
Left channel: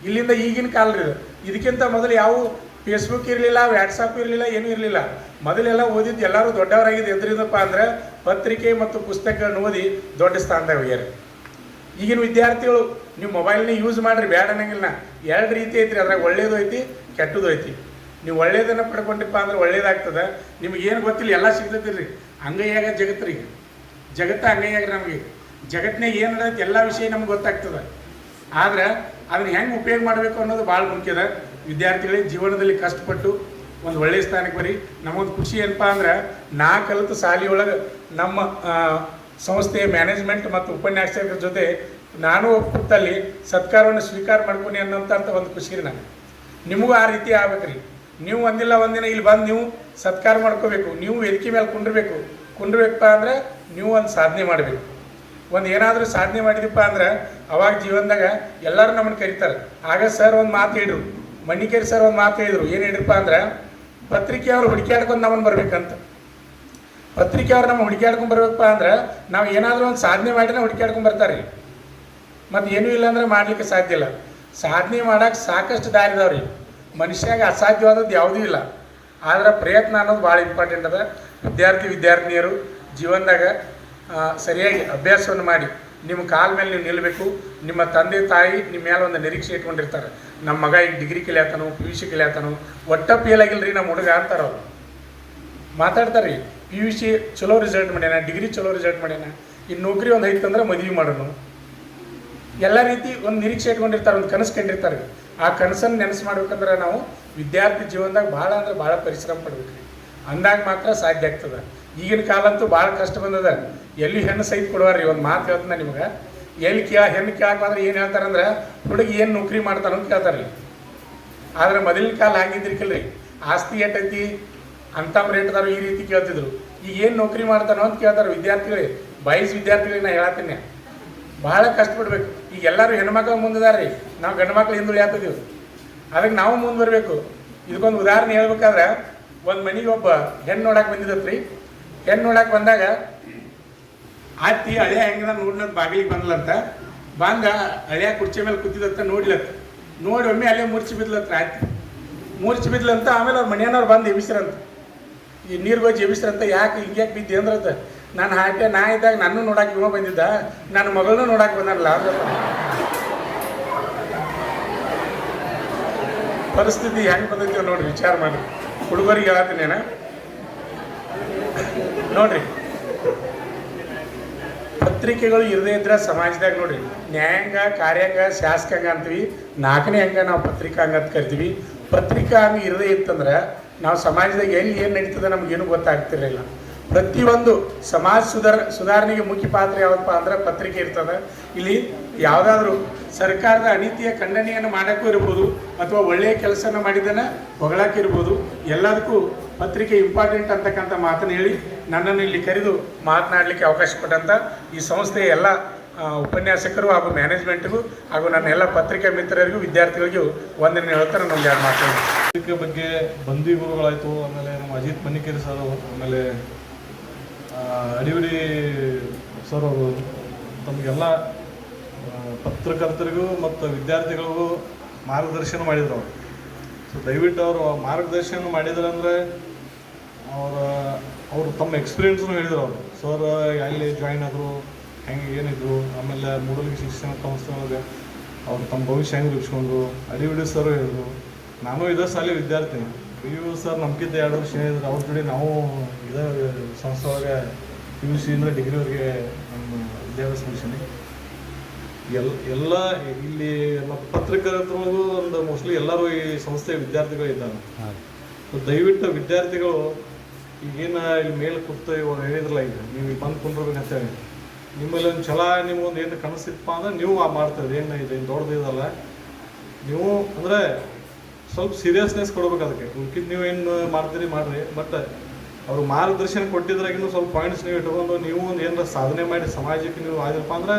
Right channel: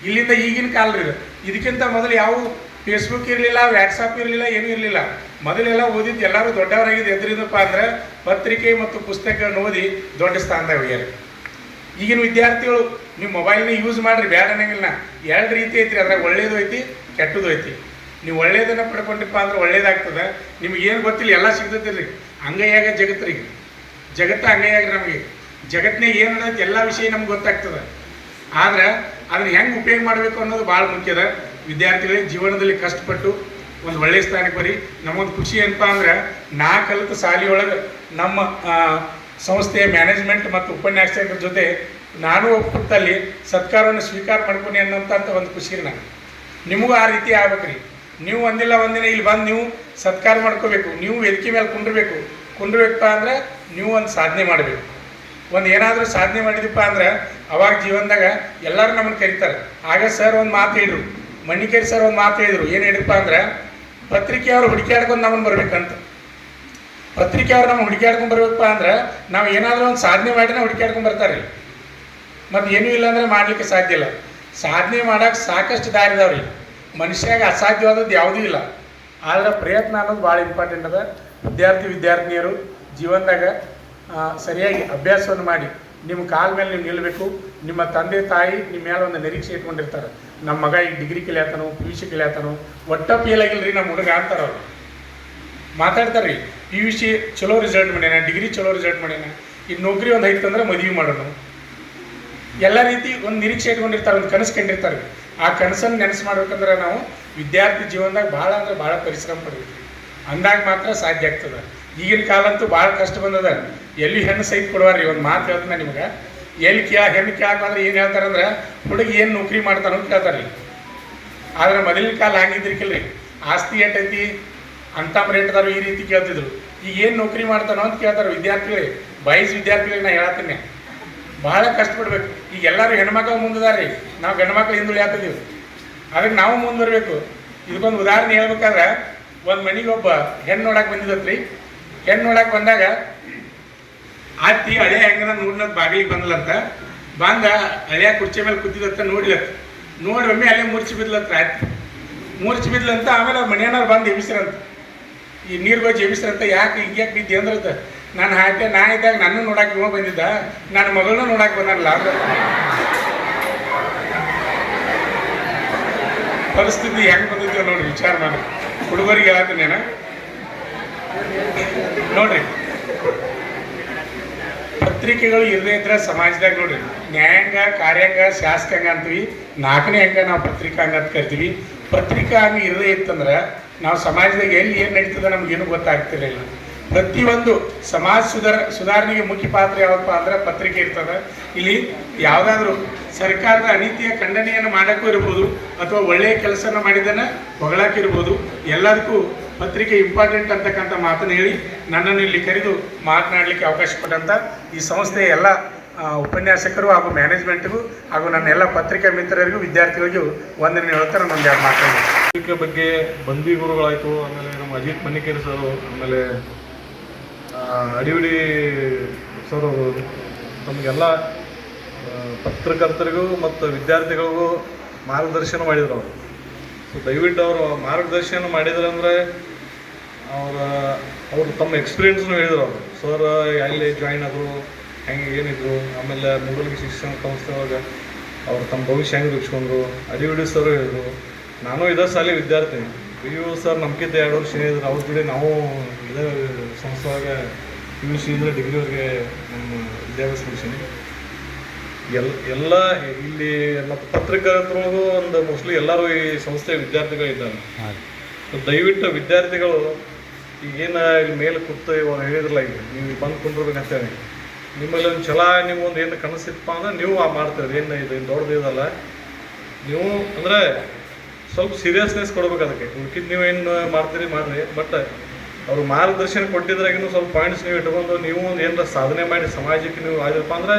ಇಲ್ಲಿಂದ ಈಗಿನ ಕಾಲ ರೀ. ಇದಕ್ಕಿಂತ ಮೊದಲು ಯಾವ ಫೇಸ್ಬುಕ್ ಇರಲಿಲ್ಲ, ವ್ಯಾಟ್ಸಪ್ ಇರಲಿಲ್ಲ, ಏನೂ ಇರಲಿಲ್ಲ. ಮೊದಲೆಲ್ಲ ಓದಿದ್ದು ಎಲ್ಲರೂ ದೊಡ್ಡವರಾಗಿದ್ದು ಎದ್ರಿದಪ್ಪ ಅಂದ್ರೆ ಪತ್ರಿಕೆ ಮತ್ತು ಪುಸ್ತಕಗಳನ್ನ ಓದಿ ದೊಡ್ಡ ಸ್ಥಾನದಾಗ ಹೋಗ್ಯಾರ. ಈಗಿನ ವಿದ್ಯಾರ್ಥಿಗಳು ನೀವು ಮೊಬೈಲ್ನ ಯೂಸ್ ಮಾಡಿರಿ, ಬ್ಯಾಡ ಅನ್ನಂಗಿಲ್ಲ. 2 ರೀತಿ ಐತ್ರಿ, ಅದ್ರಾಗ ಒಳ್ಳೇದು ಐತಿ, ಕೆಟ್ಟದ್ದು ಐತಿ. ನೀವು ಒಳ್ಳೇದನ್ನು ಪಡ್ಕೊಂಡಿಪ್ಪ ಅಂದ್ರೆ ಒಳ್ಳೇದಾಗ್ತದೆ. ನಿಮಗೇನು ಗೊತ್ತಿಲ್ಲ, ಎಲ್ಲ ಸಿಗ್ತೈತಿಲ್ರಿ. ಅಂಗೈಯಾಗ ಜಗತ್ತು ರೀ, ಜಗತ್ತ ಅಂಗೈಯಾಗ. ನಮಗೆ ಜಗತ್ತಿನಾಗ ಏನು ನಡೆಯುತ್ತೆ ಎಲ್ಲ ವಿಷಯ ನಮ್ಗೆ ಗೊತ್ತಾಗ್ತದೆ. ಆದ್ರೆ ಅದನ್ನ ಹೆಂಗೆ ಉಪಯೋಗ ಮಾಡಬೇಕು ಅನ್ನೋದು ಭಾಳ ಮುಖ್ಯದ. ವಿದ್ಯಾರ್ಥಿಗಳಿಗೆ ಜೀವನದಲ್ಲಿ ಕಷ್ಟಪಟ್ಟು ಒಂದು ಒಳ್ಳೆಯ ಸ್ಥಾನಕ್ಕೆ ಬರೀ. ನಮಗೊಂದು ಖುಷಿ ಏನಪ್ಪ ಅಂದ್ರೆ ನಾ ಕಲಿತ ಶಾಲೆಯೊಳಗೆ ನಮ್ಮ ಸಂಸ್ಥೆಯ ಮ್ಯಾನೇಜ್ಮೆಂಟ್ ಮತ್ತು ಉಪನ್ಯಾಸಕರ ಜೊತೆ ನಾನು ಒಪ್ಪುತ್ತಲ್ಲಿ ಸತ್ಕಾರವನ್ನು ಸ್ವೀಕಾರ ಮಾಡ್ಕೊನಿ ಅನ್ನೋಂಥ ಒಂದು ಖುಷಿ ರೀ ನನಗೆ. ನಿಮಗೂ ಆ ರೀತಿ ಆಗ್ಬೇಕ್ರಿ. ನೀವು ಒಂದಿಲ್ಲ ಒಂದಿನ ಇಲ್ಲಿ ಬಂದು ನೀವು ಸತ್ಕಾರ ಮಾಡ್ಕೋಬೇಕು. ನೀವು ವೇದಿಕೆ ಮೇಲೆ ಕುಂಡ್ರಬೇಕಪ್ಪ ಅಂದ್ರೆ ನೀವು ಒಂದು ಸಾಧನೆ ಮಾಡಬೇಕು. ಒಂದು ಏನಾದರೂ ಸಾಧನೆ ಮಾಡಿದಪ್ಪ ಅಂದ್ರೆ ಅವಾಗ ಜೀವನದಾಗ ಎಲ್ಲರೂ ನಮ್ಮನ್ನು ಕರೀತಾರೆ. ಆಗ ಸರ್ ಒಂದು ಮಾತು ಹೇಳಿದ್ರು, ಮಣ್ಣಿಕೇರಿ ಸರ್ ಒಂದು ಮಾತು ಹೇಳಿದ್ರು. ಏನು ಹೇಳಿದಪ್ಪ ಅಂದ್ರೆ ಪತ್ರಿಕೆಯವರು ಹುಡುಕಾಡ್ಕೊಂಡು ನಮ್ಮನ್ನು ಬರ್ಬೇಕಂತ. ಪತ್ರಿಕೆಯವ್ರು ನಮ್ಮ ಹುಡುಕಾಡ್ಕೊಂಡು ಬರ್ಬೇಕಪ್ಪ ಅಂದ್ರೆ ನಾವು ಏನಾದರೂ ಒಂದು ಸಾಧನೆ ಮಾಡಿದ್ರೆ ಹುಡುಕಾಡ್ಕೊಂಡು ಬರ್ತಾರೆ. ಮತ್ತು ಏನೂ ಇಲ್ಲ ಅಂದರೆ ಮಾಡಲಿಕ್ಕೆ ಸಾಧ್ಯ ಇಲ್ಲ. ಸಾಧನೆ ಮಾಡೋಕೆ ಸಾಕಷ್ಟು ದಾರಿ ಇದಾವ್ರಿ. ಮನುಷ್ಯಾಗ ಅಸಾಧ್ಯವಾದದ್ದು ಯಾವುದೂ ಇಲ್ಲ. ಆದ್ರೆ ಪ್ರಯತ್ನ ಅನ್ನೋದು ಭಾಳ ಇಂಪಾರ್ಟೆಂಟ್ ಅದ. ವಿದ್ಯಾರ್ಥಿನಿಯರು ಜೀವನದಾಗ ಸರಿಯಾಗಿ ಅಭ್ಯಾಸವನ್ನು ಮಾಡಿ ನಿಮ್ಮ ಕಾಲ ಮೇಲೆ ನೀವು ನಿಲ್ಲಬೇಕು. ನಿಮ್ಮ ತಂದೆ ತಾಯಿ ನಿಮ್ಮ ಮೇಲೆ ಒಂದು ನಿರೀಕ್ಷೆ ಇಟ್ಕೊಂಡಿರ್ತಾರೆ. ನಮ್ಮ ಮಗ ಈಗ ಡಿಗ್ರಿ ಕಲಿಯಾತನು, PUC ಕಲಿಯಾತನು, ಒಟ್ಟ ಫೇಲ್ ಆಗಿಲ್ಲ ರೀ ನಮ್ಮ ಹುಡುಗ ಅಂತಾರೆ ಅವ್ರು. ಮಾತಾಡ್ತಾರೆ ರೀ, PUC ಚಲೋ ರಿಸಲ್ಟ್ ಮಾಡ್ಯಾನ, ಡಿಗ್ರಿ ಚಲೋ ರಿಸಲ್ಟ್ ಮಾಡ್ಯಾನ, ಈಗ ನೌಕರಿ ಒಂದು ಐತಂದ್ರೆ ಮದುವೆ ಮಾಡೋಣ. ಎಲ್ಲ ರೀತಿ ಒಂದು ನಿರೀಕ್ಷೆ ಇಟ್ಕೊಂಡಿರ್ತಾರೆ, ಒಂದು ಕನಸು ಕಂಡಿರ್ತಾರೆ. ಆ ಕನಸನ್ನು ನೆನಸು ಮಾಡ್ಬೇಕಂದ್ರೆ ನಾವು ವಿದ್ಯಾರ್ಥಿ ಜೀವನದಾಗ ಭಾಳ ಅಂದ್ರೆ ಭಾಳ ಪರಿಶ್ರಮ ಪಡ್ಬೇಕು. ಅಂದಾಗ ಮಾತ್ರ ಸಾಧ್ಯ ಆಗ್ತದೆ. ಈಗಿನ ಕಾಲ ಅಂತೂ ಭಾಳ ಕಷ್ಟ ಬಂದದ. ಎಲ್ಲಿ ಹೆಣ್ಣು ಸಹಿತ ಕೊಡುವಾರ್ರಿ. ಒಂದು ಮಾತು ಹೇಳ್ತಾನೆ ನಿಮ್ಗೆ, ಎಲ್ಲಿ ಹೆಣ್ಣು ಕೇಳಕ್ಕಂದ್ರೆ ಏನು ಹೇಳ್ತಾರಂದ್ರೆ ಹುಡುಗಿ ಏನು ನೌಕರಿ ಮಾಡ್ತಾನೋ ಅಂತ ಕೇಳ್ತಾರೆ ರೀ. ಆದರೆ ಮೊದಲಿನ ಕಾಲ ಹಂಗಿದ್ರಿಕಿಲ್ರಿ. ಆಸ್ತಿ ಎಟ್ಟೈತಿ ಅಂತ ರೇಟ್ದಾರು ಈ ರೀತಿ ಕೇಳ್ತಿದ್ರು. ಈಗ ಏನು ನೌಕರಿ ಮಾಡ್ತಾನೋ ಅಂತ ಕೇಳ್ತಾರೆ ವಿದ್ಯಾರ್ಥಿಗಳೇ. ವಿದ್ಯಾರ್ಥಿಗಳಿಗೆ ನಾ ಹೇಳ್ತೀನಿ, ಭಾಳ ಕಷ್ಟಪಡ್ಬೇಕು. ಈಗ ಎಲ್ಲರೂ ಹೆಣ್ಮಕ್ಳು ಮುಂದಿದಾರೆ, ನಾವು ಗಂಡು ಮಕ್ಳು ಹಿಂದುಳಿ ಆಗ್ತಿದ್ದೀವಿ. ಅದಕ್ಕೆ ನಾವು ಮುಂದುವರ್ಬೇಕು. ಇದಕ್ಕೊಂದು ಉದಾಹರಣೆ ಹೇಳ್ಬೇಕಾದ್ರೆ, ಒಂದು ಮನೆಗೆ ಒಬ್ಬ ಹೆಣ್ಣು ನೋಡಕ್ಕೆ ಬಂದಿದ್ದತ್ರಿ. ಹೆಣ್ಣು ನೋಡಕ್ಕೆ ಬಂದಾಗ ಅತ್ತಿ ಹಳೆ ಹೆಂಗದ ನೋಡ್ನದ್ ಬಾಗಿಲಿಗೆ ಬಂದ್ಲಂತ. ಬಂದ ಹಳೆಯ ಕುರ್ಚಿ ಮೇಲೆ ಕೂತಿದತ್ತ ನೋಡ್ಲತ್ತ. ನೋಡಿ ಒಮ್ಮೆ ಅಲ್ಲೇ ಮೂರ್ಛೆ ಬಿದ್ಲತ್ರ. ಅತ್ತಿ ಮೂರ್ಛೆ ಬಿದ್ಲಂತ. ಆಮೇಲೆ ಅವ್ರ ಮನೆಯವ್ರು ಬಂದು ಎಬ್ಬಿಸ್ರಂತ. ಈ ನೀರು ಹೋಗಿ ಎಬ್ಬಿಸ್ರಂತ. ಯಾಕೆ ಹಿಂಗ್ಯಾಕೆ ಬಿದ್ದಿ ಅಂದ್ರತ್ತ. ನಾನು ಹಾಟೆ ನಾ ಇದ್ದಾಗ ನನ್ನ ನೋಡಕ್ಕೆ ಇವ ಬಂದಿದ್ದ, ನನ್ನ ಮಗಳನ್ನೂ ನೋಡಕ್ಕೆ ಬಂದಾರಲ್ಲ ಅಂದ್ರ. ಪರಿಸ್ಥಿತಿ ಹೆಂಗೆ ಬಂದಿದ್ದೀವಿ ನೋಡ್ರಿ, ವಿಚಾರ ಮಾಡಿ. ಹುಡುಗರಿಗೆ ಹೇಳತ್ತೀನಿ ನೋಡ್ರಿ, ಪತ್ರಿಕೆಗಳು ಇರದೇ ಇದ್ರೆ ಸಮಾಜದಾಗ ನೋಡ್ರಿ ನ್ಯಾಯಾಂಗ, ಕಾರ್ಯಾಂಗ, ಶಾಸಕಾಂಗ ಅಂತೀವಿ. 4ನೇ ಅಂಗ ನಾವು ಪತ್ರಿಕಾಂಗ ಅಂತ ಕರಿತೀವಿ. ಪತ್ರಿಕಾಂಗ ಇರದೇ ಇತ್ತಂದ್ರೆ ನಾವು ಸಮಾಜದಾಗ ಎಲ್ಲಿ ಏನು ನಡೀತದೆ ನಮ್ಗೇನು ಗೊತ್ತಾಗ್ತಿರಲಿಲ್ಲ. ಪ್ರತಿಯೊಂದು ಸಮಾಜ ಸುಧಾರಣೆಗೆ ಮುಖ್ಯ ಪಾತ್ರ ಯಾವಪ್ಪ ಅಂದ್ರೆ ಪತ್ರಿಕೆ ಇರ್ತದೆ. ಇಲ್ಲಿ ಯಾವುದಾದ್ರೂ ಸರ್ಕಾರದ ಅನೀತಿಯ ಖಂಡನೆಯನ್ನು ಮಾಡೋಕ್ಕೂ ಇರ್ಬೋದು, ಅಥವಾ ಒಳ್ಳೆಯ ಕೆಲಸನ ಮಾಡಿದ್ದನ್ನು ಹೊಗಳಾಕಿರ್ಬೋದು. ಎಲ್ಲದಕ್ಕೂ ಪತ್ರಿಕೆ ಇಂಪಾರ್ಟೆಂಟ್ ಅಂತಕ್ಕಂಥ ಮಾತನ್ನು ಹೇಳಿ ನನ್ನನ್ನು ಇಲ್ಲಿ ಕರೆದು ಮಾತನಾಡಲಿಕ್ಕೆ ಅವಕಾಶ ಕೊಟ್ಟಂಥ ಈ ಸಂಸ್ಥೆಯ ಎಲ್ಲ ಉಪನ್ಯಾಸಕರು ಹಾಗೂ ಮ್ಯಾನೇಜ್ಮೆಂಟ್ಗೂ ಹಾಗೂ ನನ್ನ ಎಲ್ಲ ಪತ್ರಿಕಾ ಮಿತ್ರರಿಗೂ ವಿದ್ಯಾರ್ಥಿಗಳಿಗೂ ವಂದನೆ ಹೇಳ್ತಾ ನಾನು ಒಂದು 2 ಮಾತಾಡಿ. ಪತ್ರಿಕೆ ಬಗ್ಗೆ ಬಂದಿ ಗುರುಗಳಾಯಿತು, ಆಮೇಲೆ ನಮ್ಮ ಅಜಿತ್ ಮಣ್ಣಿಕೇರಿ ಸರು, ಆಮೇಲೆ ಅಡಿವಿಡಿ ಸರ್ ಅವರು ನಮಗೆಲ್ಲ ಪತ್ರಕರ್ತರಿಗೂ ಮತ್ತು ವಿದ್ಯಾರ್ಥಿಗಳಿಗೂ ಮಾರ್ಗದರ್ಶನ ಮಾಡಿದ್ರು ಅವರು. ಸೊ ದಯವಿಟ್ಟು ಅವರು ಮಾರ್ಗದರ್ಶನ ಮಾಡಿದ್ರು ಅಂದರೆ ಅವರು ತಮ್ಮ ಎಕ್ಸ್ಪೀರಿಯೆನ್ಸ್ನು ಹೇಳಿದ್ರು. ಅವರು ಸರ್ ಎಲ್ಲಿ ಜಾಯಿನ್ ಆದರು, ಹೆಂಗೆ ಏನಿದ್ರು, ಆಮೇಲೆ ಮೂಡಲ್ಗಿ ಶಿಕ್ಷಣ ಸಂಸ್ಥೆ ಒಳಗೆ ಅವ್ರು ತಮ್ಮ ಭವಿಷ್ಯ ಹೆಂಗೆ ರೂಪಿಸ್ಕೊಂಡ್ರು. ಅಡಿವಿಡಿ ಸರ್ ಹೇಳಿದ್ರು. ನಾನು ಇದೇ ಶಾಲೆ ವಿದ್ಯಾರ್ಥಿ. PU ಸರ್ ನಮ್ಗಿದ್ದ 2 ವರ್ಷ ಹೇಳಿದ್ರು. ಅವ್ರ ಜೊತೆ ನಾವು ಇದೇ ಸಂಸ್ಥೆ ಒಳಗೆ PUC ಅಂದರೆ ಡಿಗ್ರಿವರೆಗೆ ನಮ್ಮ ವಿದ್ಯಾಭ್ಯಾಸ ಮುಗಿಸೀನಿ. ಎಲ್ಲ ಇಲ್ಲಿ ಮತ್ತು ಪತ್ರಕರ್ತರಿಗೂ ಒಂದು ಮೋಸ್ಟ್ಲಿ ಎಲ್ಲರೂ ಈ ಸಂಸ್ಥೆಯ ವಿದ್ಯಾರ್ಥಿಗಳಿದ್ದಾರೆ. ದಯವಿಟ್ಟು ವಿದ್ಯಾರ್ಥಿಗಳು ಈಗೇನು ಇಲ್ಲಿ ಮೇಲೆ ಕೂತು ಇವಾಗ ಹೇಳಿದ್ರಲ್ಲ, ಈಗ ನೀವು ಬಂದು ಕುಂಡ್ರಬೇಕಂತೇಳಿ ನಿಮ್ಮಲ್ಲಿ ಒಂದು ಛಲ, ನಿಮ್ಗೊಂದು ಏನು ಕನಸಿತ್ತಪ್ಪ ಅಂದ್ರೆ ನೀವು ಮಾಡ್ತೀರಿ. ಏನು ಇದು ದೊಡ್ಡದಿದಲ್ಲ, ನೀವು ಅಂದರೆ ಸ್ವಲ್ಪ ಸೀರಿಯಸ್ನೆಸ್ ಕೊಡ್ಬೇಕು ಅದಕ್ಕೆ. ಉಳ್ಕಿದ್ದು ನೀವು ಏನು ಮಾಡ್ತೀರಿ ಮಾಡಿರಿ, ಬಟ್ ಅವರು ಮಾರ್ಗದರ್ಶನ ಕೊಟ್ಟಿದ್ರಾಗಿನೂ ಸ್ವಲ್ಪ ಪಾಯಿಂಟ್ಸ್ ನೀವು ಇಟ್ಕೊಂಡು ನೀವು ಒಂದು ಏನಾರ ಸಾಧನೆ ಮಾಡಿ ಸಮಾಜಕ್ಕೆ ನೀವು ಆಗಿರಪ್ಪ ಅಂದರೆ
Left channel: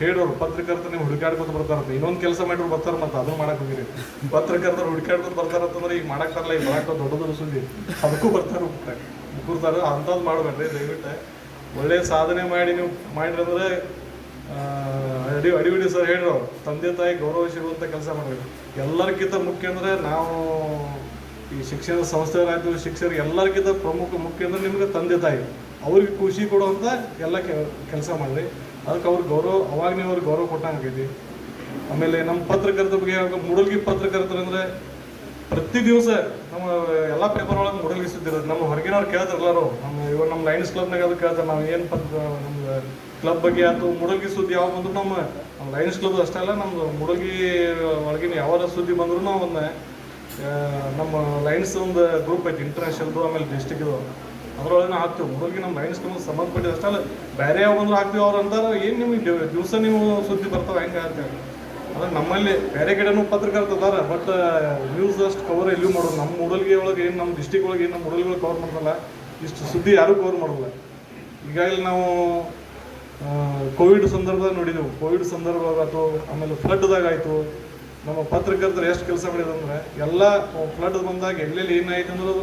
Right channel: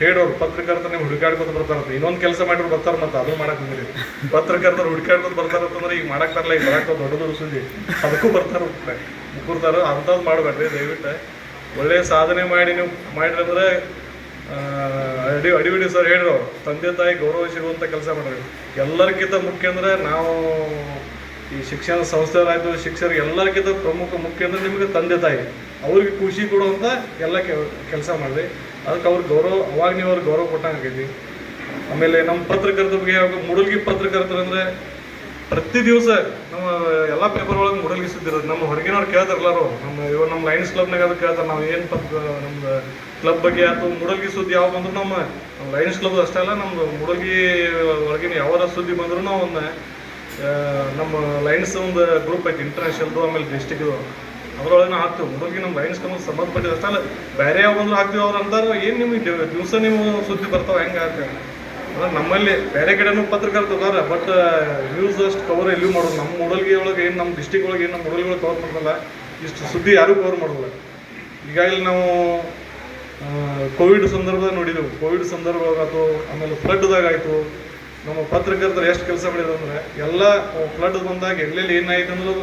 ಹೇಳೋರು. ಪತ್ರಕರ್ತರು ನೀವು ಹುಡುಕಾಡ್ಕೊತ ಬರ್ತಾರಂತ, ಇನ್ನೊಂದು ಕೆಲಸ ಮಾಡಿದ್ರು ಬರ್ತಾರೆ, ಮತ್ತು ಅದನ್ನು ಮಾಡಕ್ಕೆ ಬಂದಿರಿ. ಪತ್ರಕರ್ತರು ಹುಡುಕಾಡ್ಕೊತ ಬರ್ತಾರಂತಂದ್ರೆ ಈಗ ಮಾಡಕ್ತಾರಲ್ಲ, ಈಗ ಮಾಡಕ್ಕೆ ದೊಡ್ಡದು ಸುದ್ದಿ ಅದಕ್ಕೂ ಬರ್ತಾರೆ, ಮುಗ್ಗುರ್ತಾರೆ. ಅಂಥದ್ದು ಮಾಡಬೇಡ್ರಿ ದಯವಿಟ್ಟು. ಒಳ್ಳೆಯ ಸಾಧನೆ ಮಾಡಿ ನೀವು ಮಾಡಿರಿ ಅಂದರೆ ಅಡಿವಿಡಿ ಸರ್ ಹೇಳಿರೋ ತಂದೆ ತಾಯಿ ಗೌರವ ಸಿಗುವಂಥ ಕೆಲಸ ಮಾಡಿರಿ. ಎಲ್ಲರಿಗಿಂತ ಮುಖ್ಯ ಅಂದರೆ ನಾವು ಈ ಶಿಕ್ಷಣ ಸಂಸ್ಥೆಯವರಾಯ್ತು, ಶಿಕ್ಷಕರಿಗೆ ಎಲ್ಲರಿಗಿಂತ ಮುಖ್ಯ ಅಂದರೆ ನಿಮಗೆ ತಂದೆ ತಾಯಿ, ಅವ್ರಿಗೆ ಖುಷಿ ಕೊಡುವಂಥ ಎಲ್ಲ ಕೆಲಸ ಮಾಡಿರಿ. ಅದಕ್ಕೆ ಅವ್ರಿಗೆ ಗೌರವ, ಅವಾಗ ನೀವು ಅವ್ರಿಗೆ ಗೌರವ ಕೊಟ್ಟಂಗೆ ಆಗೈತಿ. ಆಮೇಲೆ ನಮ್ಮ ಪತ್ರಕರ್ತರ ಬಗ್ಗೆ ಮೂಡಲ್ಗಿ ಪತ್ರಕರ್ತರು ಅಂದರೆ ಪ್ರತಿ ದಿವಸ ನಮ್ಮ ಎಲ್ಲ ಪೇಪರ್ ಒಳಗೆ ಮೂಡಲ್ಗಿ ಸುದ್ದಿ ಇರೋದು. ನಮ್ಮ ಹೊರಗಿನವ್ರು ಕೇಳ್ತಾರಲ್ಲರು, ನಮ್ಮ ಲಯನ್ಸ್ ಕ್ಲಬ್ನಾಗ ಅದು ಕೇಳ್ತಾರೆ, ನಾವು ಏನು ನಮ್ದು ಕ್ಲಬ್ ಬಗ್ಗೆ ಆಯ್ತು ಮೂಡಲ್ಗಿ ಸುದ್ದಿ ಯಾವ ಬಂದ್ರು ನಮ್ಮ ಲಯನ್ಸ್ ಕ್ಲಬ್ ಅಷ್ಟೇ ಅಲ್ಲ, ನಮ್ದು ಮೂಡಲ್ಗಿ ಒಳಗಿನ ಯಾವಾರ ಸುದ್ದಿ ಬಂದ್ರು ನಾವು ಒಂದು ನಮ್ಮ ಲಯನ್ಸ್ ಒಂದು ಗ್ರೂಪ್ ಐತಿ ಇಂಟರ್ನ್ಯಾಷನಲ್ದು, ಆಮೇಲೆ ಡಿಸ್ಟಿಕ್ದು, ಅದ್ರೊಳಗೆ ನಾವು ಹಾಕ್ತೀವಿ. ಮೂಡಲ್ಗಿ ನಮ್ಮ ಲಯನ್ಸ್ ಕ್ಲಬ್ ಸಂಬಂಧಪಟ್ಟಿದ್ದು ಅಷ್ಟೇ ಅಲ್ಲ, ಬೇರೆ ಯಾವ ಬಂದ್ರು ಹಾಕ್ತೀವಿ. ಅವ್ರು ಅಂತಾರೆ ಏನು ನಿಮಗೆ ದಿವಸ ನೀವು ಸುದ್ದಿ ಬರ್ತಾವೆ ಹೆಂಗೆ ಹಾಕ್ತೀವಿ ಅಂದ್ರೆ ನಮ್ಮಲ್ಲಿ ಬೇರೆ ಕಡೆನೂ ಪತ್ರಕರ್ತರು ಅದಾರ, ಬಟ್ ನ್ಯೂಸ್ ಅಷ್ಟು ಕವರ್ ಎಲ್ಲಿಯೂ ಮಾಡೋದು. ನಮ್ಮ ಮೂಡಲ್ಗಿ ಒಳಗೆ ಏನು ನಮ್ಮ ಡಿಸ್ಟಿಕ್ ಒಳಗೆ ಏನು ನಮ್ಮ ಮೂಡಲ್ಗಿ ಒಳಗೆ ಕವರ್ ಮಾಡೋಲ್ಲ, ಇಷ್ಟು ಸುದ್ದಿ ಯಾರೂ ಕವರ್ ಮಾಡೋಲ್ಲ. ಈಗಾಗಲೇ ನಾವು ಕೋವಿಡ್ ಸಂದರ್ಭದಾಗ ನೋಡಿದೆವು, ಕೋವಿಡ್ ಸಂದರ್ಭದಾಗಾಯ್ತು, ಆಮೇಲೆ ಫ್ಲಡ್ದಾಗ ಆಯಿತು, ನಮ್ಮ ಪತ್ರಕರ್ತರು ಎಷ್ಟು ಕೆಲಸ ಮಾಡಿದ್ರು ಅಂದರೆ ಎಲ್ಲ ಫ್ಲಡ್ ಬಂದಾಗ ಎಲ್ಲೆಲ್ಲಿ ಏನಾಯ್ತು ಅಂದ್ರೂ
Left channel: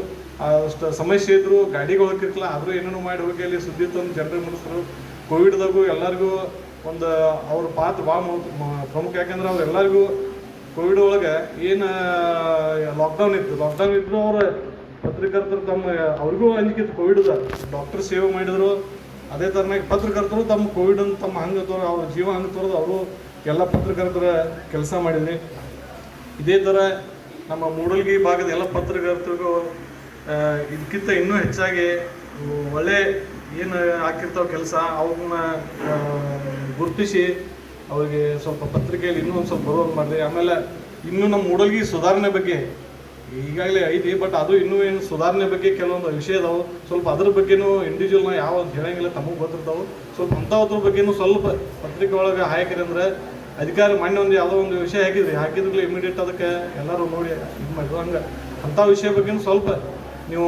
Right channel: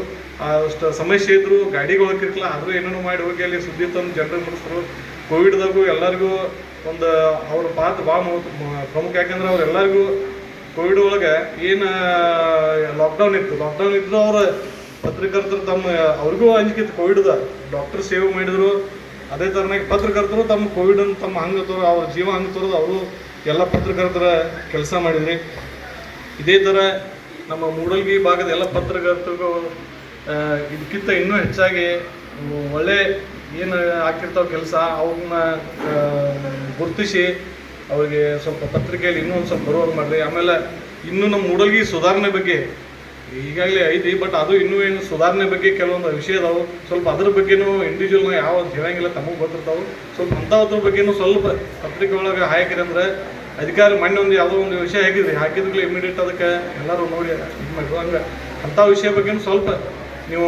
ಅಷ್ಟು ಸಮಸ್ಯೆ ಇದ್ರು ಗಾಡಿಗಳು ಹೋಗಿರ್ಲಿಲ್ಲ, ಆದರೂ ಏನೇನೋ ಮಾಡಿ ಹೋಗಿ ಅಲ್ಲಿ ಸುದ್ದಿ ತಂದು ಜನರಿಗೆ ಮುಟ್ಟಿಸ್ರು. ಕೋವಿಡ್ದಾಗೂ ಎಲ್ಲರಿಗೂ ಒಂದು ಅವ್ರ ಪಾತ್ರ ಭಾಳ ಪ್ರಮುಖ, ಯಾಕೆಂದ್ರೆ ಅವ್ರು ಎಲ್ಲರಿಗೂ ಕೋವಿಡ್ ಒಳಗೆ ಏನು ಲಾಕ್ಡೌನ್ ಇದ್ರು ಅವ್ರ ಪತ್ರಕರ್ತರು ಅವ್ರಿಗೂ ಅಂಜಿಕಿತ್ತು ಕೋವಿಡ್ದ, ಡಾಕ್ಟರ್ ಸೇವೆ ಮಾಡಿದ್ರು. ಅದೇ ಥರನಾಗಿ ಪತ್ರಕರ್ತರು ತಮ್ಮ ಕೋವಿಡನ್ನು ತಮ್ಮ ಹಂಗೆ ತೋರು ಅವ್ರ ಜೀವ ಹಂಗೆ ತೋರೋದು ಅವರು ಎಲ್ಲ ಪತ್ರಕರ್ತರ ಕೆಲಸ ಮಾಡಿದ್ರಿ. ಇದೇ ಥರ ನಮ್ಮ ಮೂಡಲ್ಗಿ ಭಾಗದ ಎಲ್ಲ ಪತ್ರಕರ್ತರಿಗೂ ಇದಕ್ಕಿಂತ ಇನ್ನೂ ಹೆಚ್ಚಾಗಿ ಒಳ್ಳೆ ಏನು ಆಗ್ತಿರ್ತಾವೆ ಕೆಲಸ ಅವ್ರನ್ನ ಗುರುತಿಸಿ ಅವ್ರಿಗೆ ಸ್ವಲ್ಪ ಪತ್ರಿಕೆಯಲ್ಲಿ ಇನ್ನೂ ಒಂದು ಸ್ವಲ್ಪ ಬರುವಾಗ ಮಾಡಿರಿ. ಆಮೇಲೆ ಇನ್ನೂ ನಮ್ಮ ಮೂಡಲ್ಗಿ ಸುಧಾರಣೆ ಬಗ್ಗೆ ಈಗಾಗಲೇ ಐತಿ, ಬಟ್ ಅದು ಇನ್ನೂ ಏನು ಸುಧಾರಣೆ ಬಗ್ಗೆ ಕೆಲವೊಂದು ವಿಷಯ ಅದಾವೆ, ಸ್ವಲ್ಪ ಅದ್ರ ಬಗ್ಗೆನೂ ಇಂಡಿವಿಜುವಲ್ನ ಯಾವ ಹೇಳಂಗಿಲ್ಲ, ತಮಗೆ ಗೊತ್ತಿರ್ತಾವೆ. ಸ್ವಲ್ಪ ಅಂಥದ್ರ ಬಗ್ಗೆನೂ ಸ್ವಲ್ಪ ಪತ್ರಿಕೆ ಒಳಗೆ ಹಾಕಿರಿ ಅಂದ್ರೆ ಅಧಿಕಾರ ಮೊನ್ನೆ ಒಂದು ಯಾವುದೋ ಒಂದು ವಿಷಯ ಹಾಕಿದ್ರೂ ಇಮಿಡಿಯೇಟ್ ಅದಕ್ಕೆ ಎಲ್ಲರೂ ನೋಡಿ ಇದು ಮಾಡಿದ್ರು. ಹಂಗೆ ಅಂಥ ವಿಷಯ ಬಗ್ಗೆನೂ ಸ್ವಲ್ಪ ನೀವು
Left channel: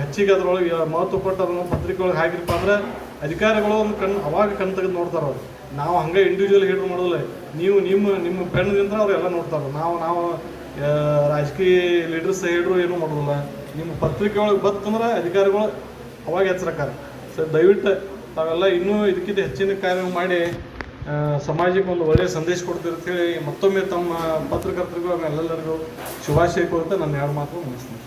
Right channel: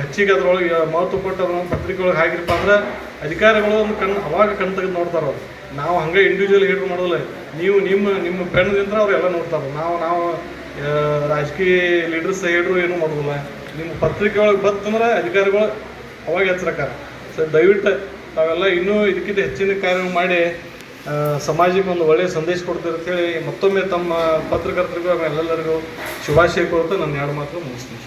ಹೆಚ್ಚಿಗೆ ಅದ್ರೊಳಗೆ ಮಹತ್ವ ಕೊಟ್ಟು ಅದನ್ನು ಪತ್ರಿಕೆ ಒಳಗೆ ಹಾಕಿರಪ್ಪ ಅಂದ್ರೆ ಅಧಿಕಾರಿಗಳು ಒಂದು ಅವಾಗ ಕಣ್ ತೆಗೆದು ನೋಡ್ತಾರೆ. ಅವ್ರು ನಾವು ಹಂಗೆ ಇಂಡಿವಿಜುವಲ್ ಹೇಳಿ ಮಾಡೋದಿಲ್ಲ, ನೀವು ನಿಮ್ಮ ಕಣ್ಣದಿಂದ ಅವ್ರು ಎಲ್ಲ ನೋಡ್ತಾರೆ. ನಾವು ರಾಜಕೀಯ ಲೀಡರ್ಸ್ ಹೇಳಿದ್ರು ಏನೂ ಮಾಡೋದಿಲ್ಲ. ನಿಮ್ಮ ಪತ್ರಿಕೆ ಒಳಗೆ ಬತ್ತಂದ್ರೆ ಅಧಿಕಾರಿಗಳು ಅವಾಗ ಎಚ್ಚರಕಾರ. ಸೊ ದಯವಿಟ್ಟು ತಾವೆಲ್ಲ ಇನ್ನೂ ಇದಕ್ಕಿಂತ ಹೆಚ್ಚಿನ ಕಾರ್ಯ ಮಾಡಿ ಸಮಾಜಕ್ಕೆ ಒಂದು ಒಳ್ಳೆಯ ಸಂದೇಶ ಕೊಡ್ತೀರಿ ಅಂತೇಳಿ ಮತ್ತೊಮ್ಮೆ ತಮ್ಮ ಪತ್ರಕರ್ತರಿಗೂ ಎಲ್ಲರಿಗೂ ಶುಭಾಶಯ ಕೊಡ್ತಾ ನನ್ನ ಎರಡು ಮಾತು ಮುಗಿಸ್ತೀನಿ.